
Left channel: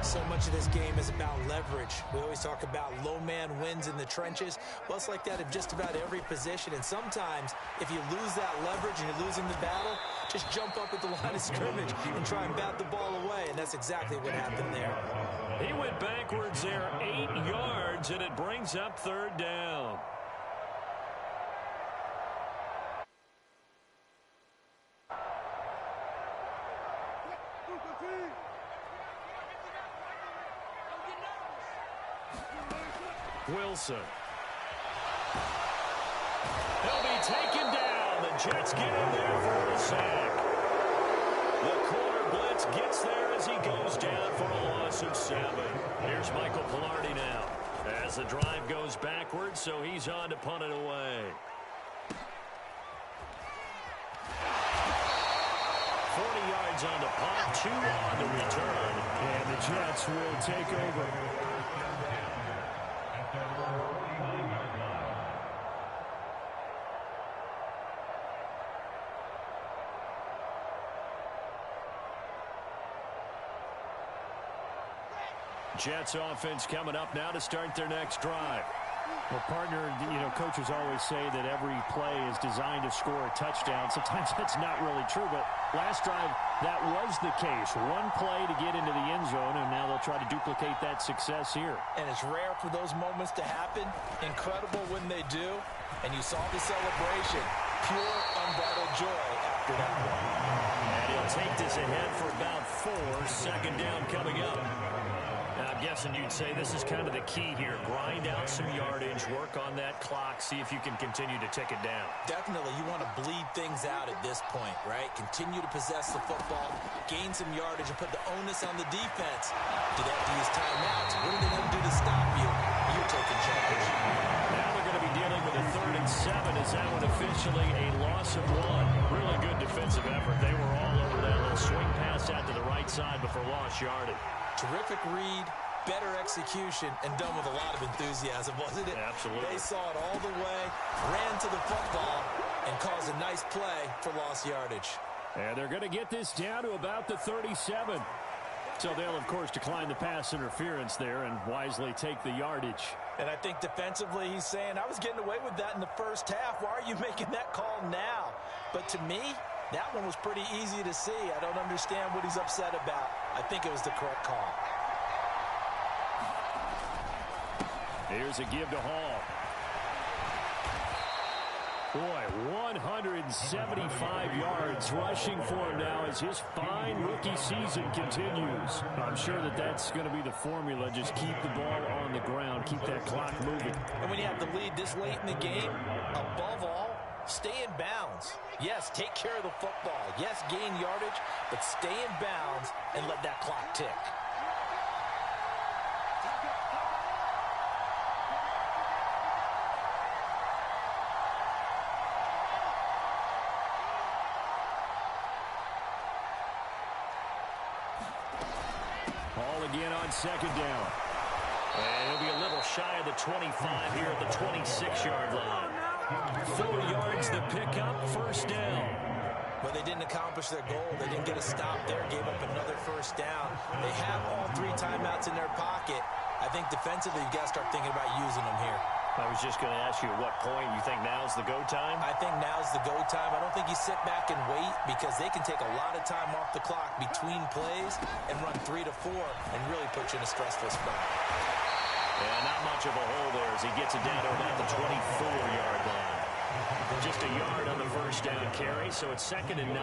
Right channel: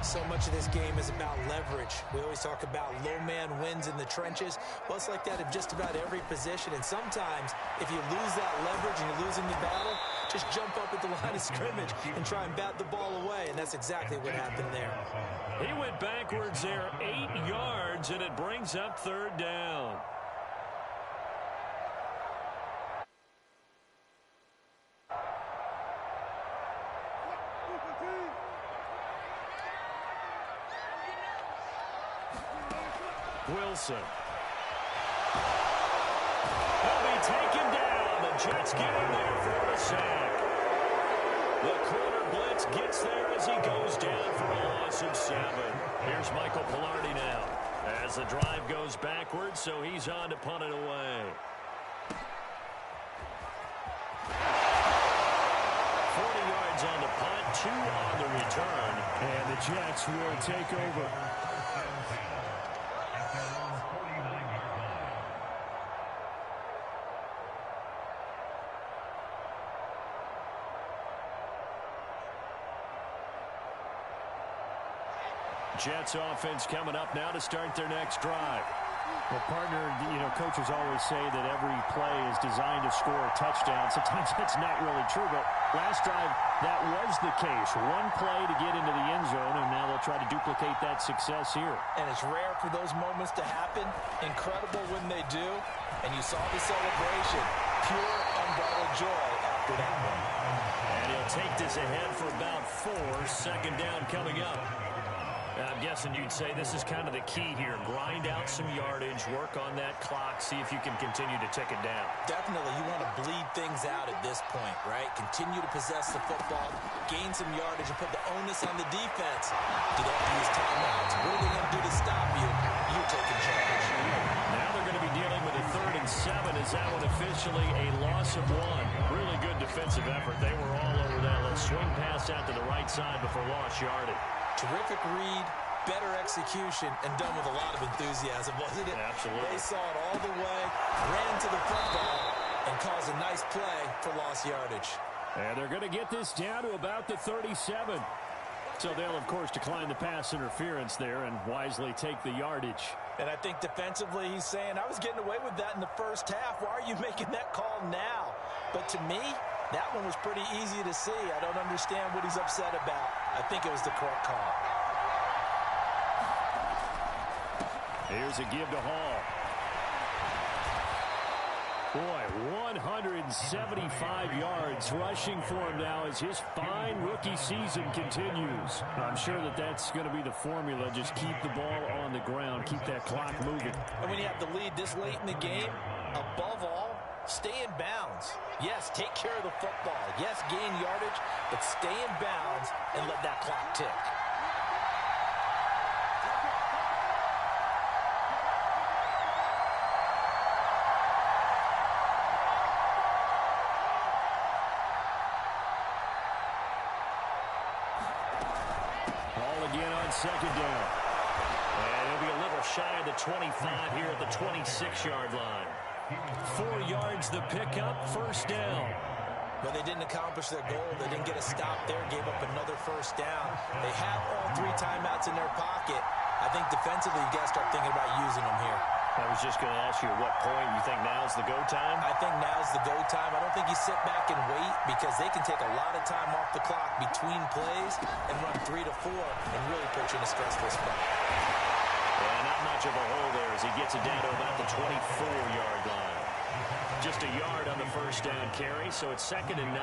So much of this game is about leverage. We always talk about low man wins in the trenches. Well, it's like that in just about every position. And sometimes, if you lose that leverage and you're losing the battle, just jump up at the line of scrimmage and try and bat the ball away. And that's exactly what happened there. He went backwards there 8 yards, and it brings up third down. Wilson. He'll be taken down. The Jets get in there for the sack. The corner blitz gets there as he goes down for a loss of 7. Here's Michael Palardy now as the drive goes backwards, so he's on to punt it away. 40 yards on the punt, 2 on the return, and the Jets will take over. Jets offense coming up now to start their next drive. Well, partner, coaches always say that every play is designed to score a touchdown. Sometimes that's not really true, but last drive, that was the case. One play to get into the end zone, and now they'll try to duplicate that success here. And it's rare for those moments to happen. Incredible when they do. And you saw the celebration. Pure, unbridled joy after that one. And he'll take this ahead for about 4. Second down coming up. I'm guessing you'd say this is kind of the key here. Grind out some yardage, work on that clock, see if you can continue to tick it down. Definitely. You want to bleed things out at this point, right? Continue to possess the football, gain some yardage, and put the onus on the defense. Do they have to use timeouts? What are they going to do to stop you? You're taking charge. Now they're going to be dealing with a 3rd and 7. Is that one officially a loss of 1? Really good defensive effort. They were all over that little swing pass out to the right side before lost yardage. Terrific read, better execution, and done with a lot of enthusiasm, wasn't it? Absolutely. They saw it all the way, ran to the football, and caused a nice play for lost yardage. And they're going to get this down to about the 37. So they'll, of course, decline the pass interference there and wisely take the yardage. And I think defensively he's saying, I was getting away with that in the first half. Why are you making that call now? But to me, that one was pretty easy to see. I don't understand what he's upset about. I think it was the correct call. Here's a give to Hall. Boy, 175 yards rushing for him now as his fine rookie season continues. I'm sure that that's going to be the formula. Just keep the ball on the ground, keep that clock moving. And when you have the lead this late in the game, above all, stay in bounds. Yes, take care of the football. Yes, gain yardage, but stay in bounds and let that clock tick. Ball again on second down. And he'll be a little shy of the 25 here at the 26-yard line. 4 yards the pickup, first down. But they didn't accomplish their goal. They didn't get a stop there, gave up another first down. They have all 3 timeouts in their pocket. I think defensively, you got to start thinking about using them here. Now, was just going to ask you at what point you think now's the go time? I think now's the go time. I don't think you sit back and wait because they can take a lot of time off the clock between plays and run 3 to 4 and really put you in a stressful spot. And not much of a hole there as he gets it down to about the 24-yard line. Just a yard on the first down carry, so it's 2nd and 9.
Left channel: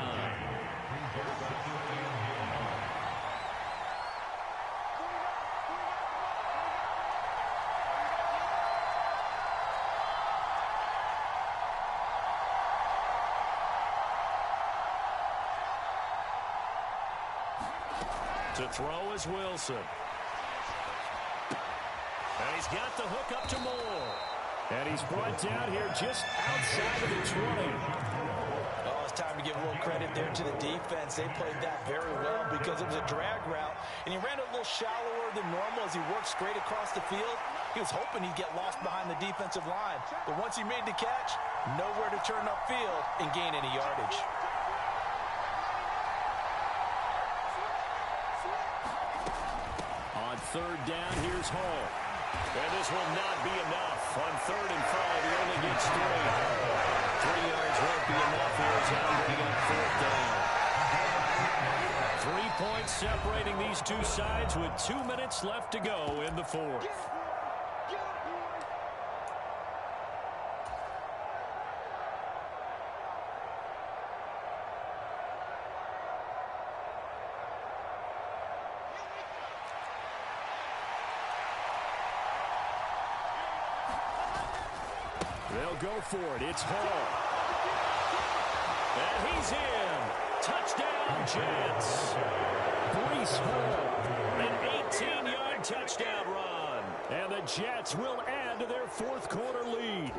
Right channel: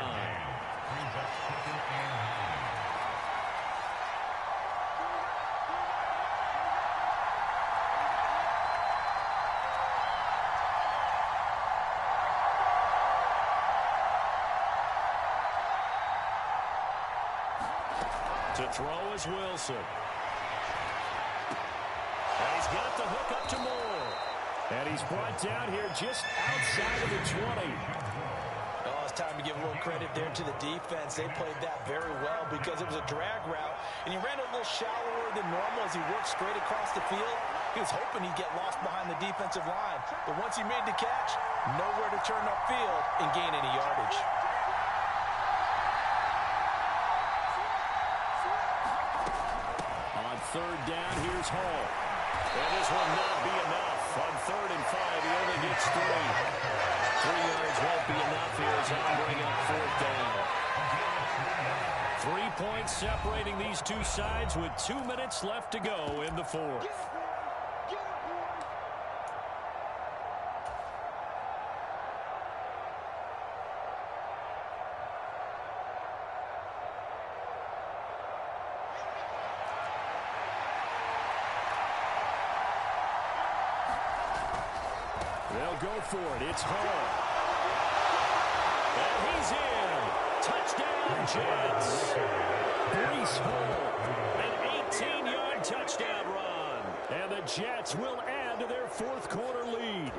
To throw is Wilson. And he's got the hook up to Moore. And he's brought down here just outside of the 20. Oh, it's time to give a little credit there to the defense. They played that very well because it was a drag route, and he ran a little shallower than normal as he worked straight across the field. He was hoping he'd get lost behind the defensive line. But once he made the catch, nowhere to turn upfield and gain any yardage. On 3rd down, here's Hall. And this will not be enough. On 3rd and 5, he only gets 3. 3 yards won't be enough here as he'll bring up 4th down. 3 points separating these two sides with 2 minutes left to go in the 4th. They'll go for it. It's Hall. And he's in. Touchdown, Jets. Breece Hall. An 18-yard touchdown run. And the Jets will add to their 4th quarter lead.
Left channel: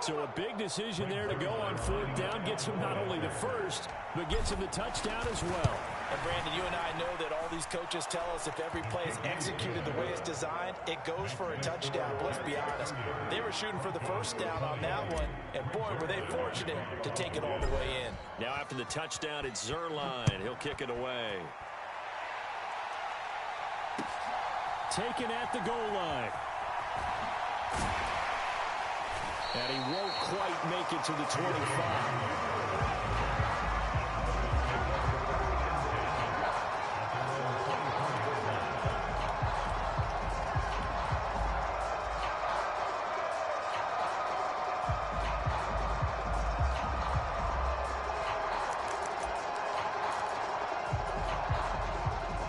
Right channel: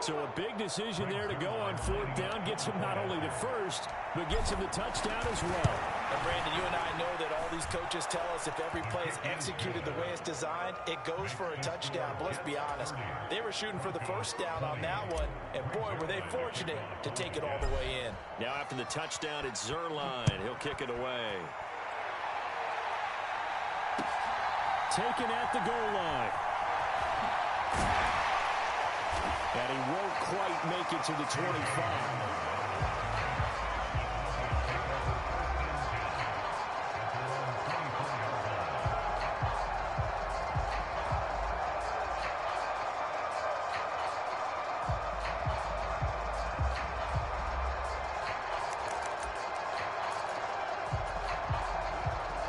So a big decision there to go on 4th down. Gets him not only the first, but gets him the touchdown as well. And Brandon, you and I know that all these coaches tell us if every play is executed the way it's designed, it goes for a touchdown. But let's be honest, they were shooting for the first down on that one, and boy, were they fortunate to take it all the way in. Now after the touchdown, it's Zuerlein. He'll kick it away. Taken at the goal line. And he won't quite make it to the 25.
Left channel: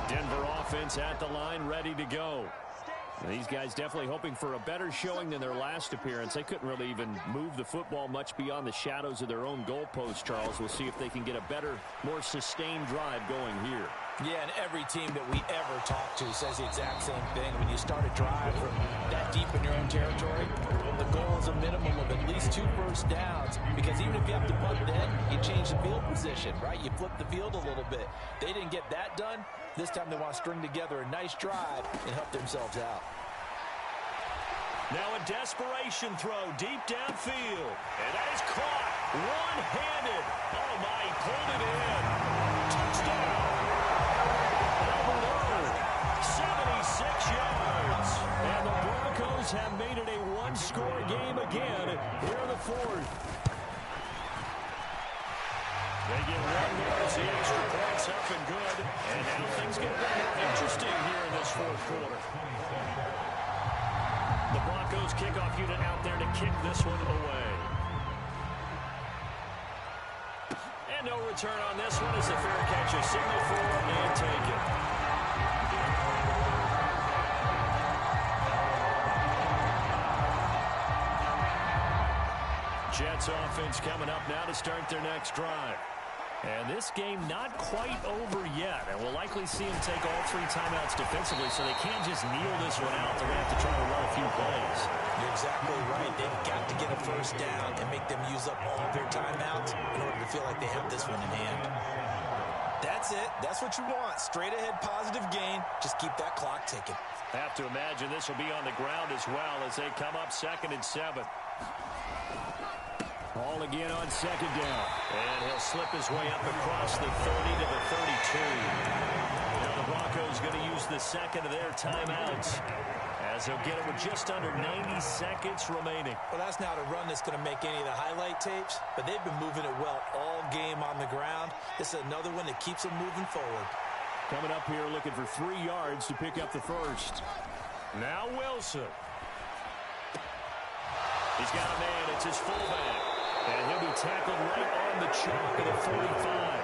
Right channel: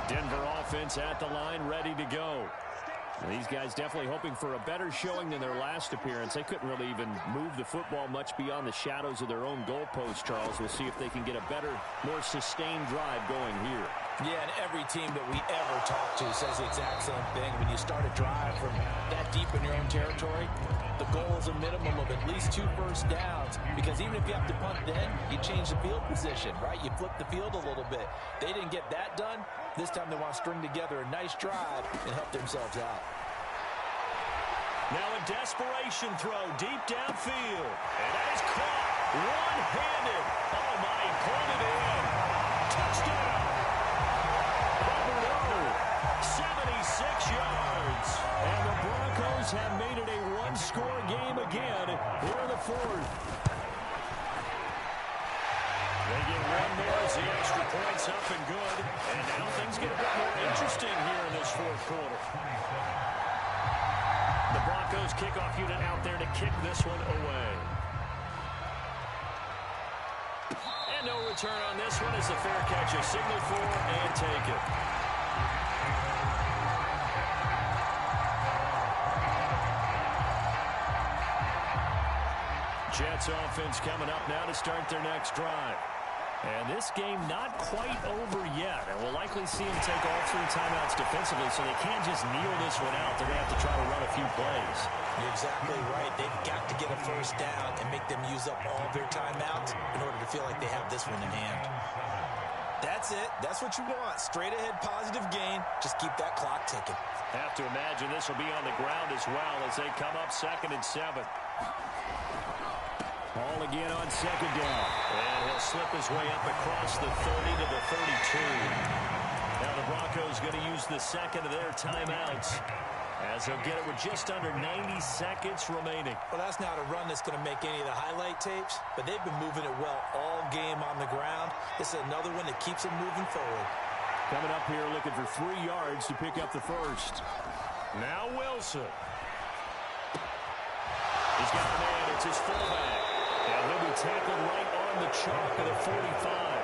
Denver offense at the line, ready to go. And these guys definitely hoping for a better showing than their last appearance. They couldn't really even move the football much beyond the shadows of their own goalpost, Charles. We'll see if they can get a better, more sustained drive going here. Yeah, and every team that we ever talk to says the exact same thing. When you start a drive from that deep in your own territory, the goal is a minimum of at least 2 first downs, because even if you have to punt then, you change the field position, right? You flip the field a little bit. They didn't get that done. This time they want to string together a nice drive and help themselves out. Now a desperation throw deep downfield. And that is caught one-handed. Oh, my, he pulled it in. Touchdown. Albert O, 76 yards. And the Broncos have made it a one-score game again here in the 4th. They get one more as the extra point's up and good. And now things get a bit more interesting here in this 4th quarter. The Broncos kickoff unit out there to kick this one away. And no return on this one as the fair catch is signaled for and taken. Jets offense coming up now to start their next drive. And this game not quite over yet. And we'll likely see them take all 3 timeouts defensively, so they can't just kneel this one out. They're going to have to try to run a few plays. You're exactly right. They've got to get a first down and make them use up all their timeouts in order to feel like they have this one in hand. That's it. That's what you want. Straight ahead, positive gain. Just keep that clock ticking. Have to imagine this will be on the ground as well as they come up 2nd and 7. Ball again on 2nd down. And he'll slip his way up across the 30 to the 32. Now the Broncos going to use the second of their timeouts as they'll get it with just under 90 seconds remaining. Well, that's not a run that's going to make any of the highlight tapes, but they've been moving it well all game on the ground. This is another one that keeps them moving forward. Coming up here looking for 3 yards to pick up the first. Now Wilson. He's got a man. It's his fullback. And he'll be tackled right on the chalk of the 45.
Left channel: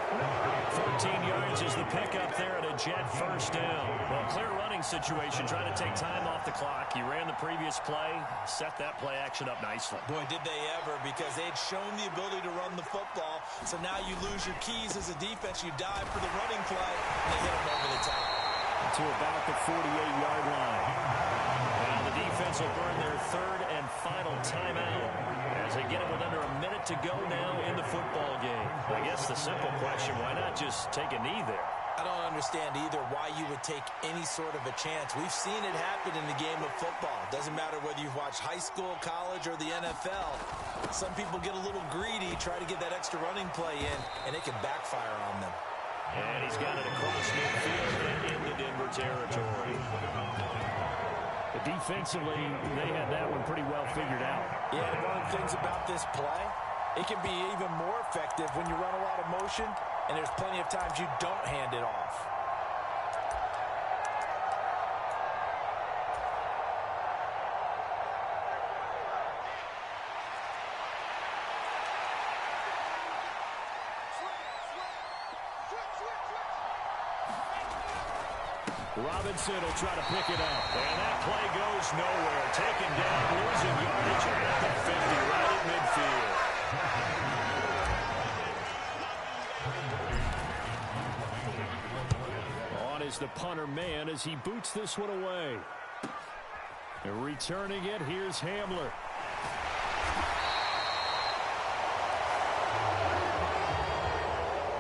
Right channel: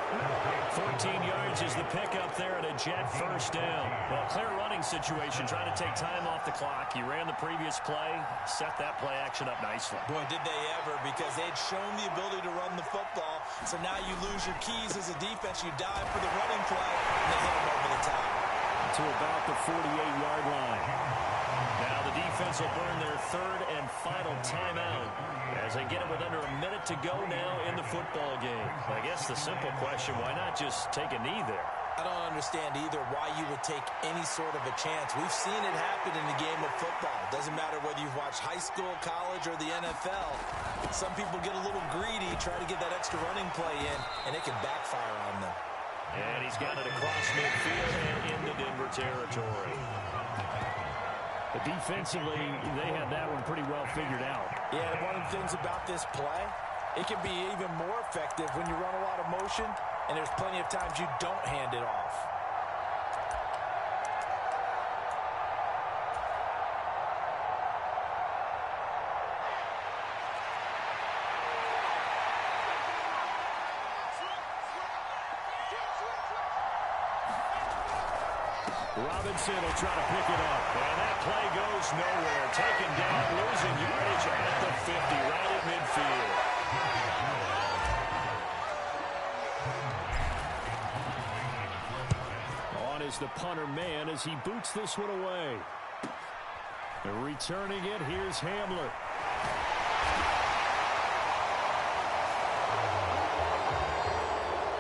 14 yards is the pickup there at a Jet first down. Well, clear running situation, trying to take time off the clock. He ran the previous play, set that play action up nicely. Boy, did they ever, because they'd shown the ability to run the football. So now you lose your keys as a defense. You dive for the running play, and they hit them over the top. To about the 48-yard line. Now the defense will burn their third and final timeout as they get it with under a minute to go now in the football game. I guess the simple question, why not just take a knee there? I don't understand either why you would take any sort of a chance. We've seen it happen in the game of football. Doesn't matter whether you've watched high school, college, or the NFL. Some people get a little greedy, try to get that extra running play in, and it can backfire on them. And he's got it across midfield and into Denver territory. Defensively, they had that one pretty well figured out. Yeah, and one of the things about this play, it can be even more effective when you run a lot of motion, and there's plenty of times you don't hand it off. Robinson will try to pick it up. And that play goes nowhere. Taken down, losing yardage at the 50, right at midfield. On is the punter man as he boots this one away. And returning it, here's Hamler.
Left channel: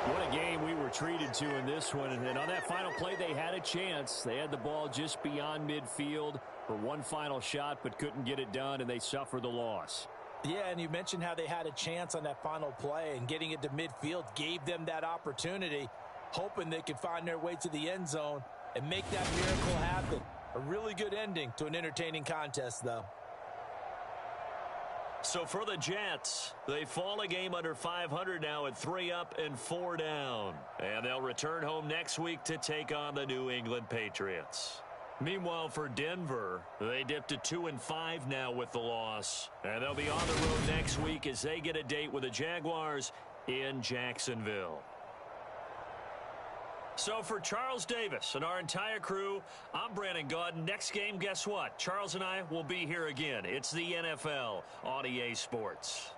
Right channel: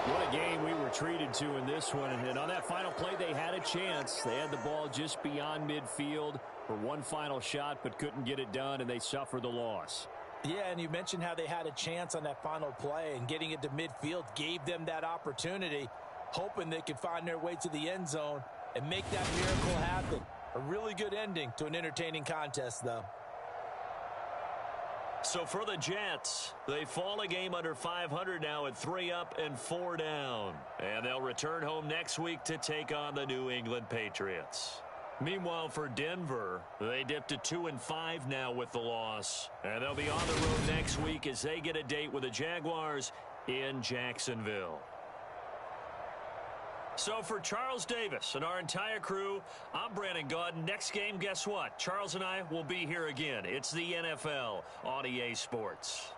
What a game we were treated to in this one. And on that final play, they had a chance. They had the ball just beyond midfield for one final shot, but couldn't get it done, and they suffered the loss. Yeah, and you mentioned how they had a chance on that final play, and getting it to midfield gave them that opportunity, hoping they could find their way to the end zone and make that miracle happen. A really good ending to an entertaining contest, though. So for the Jets, they fall a game under 500 now at 3 up and 4 down. And they'll return home next week to take on the New England Patriots. Meanwhile, for Denver, they dipped to 2-5 now with the loss. And they'll be on the road next week as they get a date with the Jaguars in Jacksonville. So for Charles Davis and our entire crew, I'm Brandon Gaudin. Next game, guess what? Charles and I will be here again. It's the NFL on EA Sports.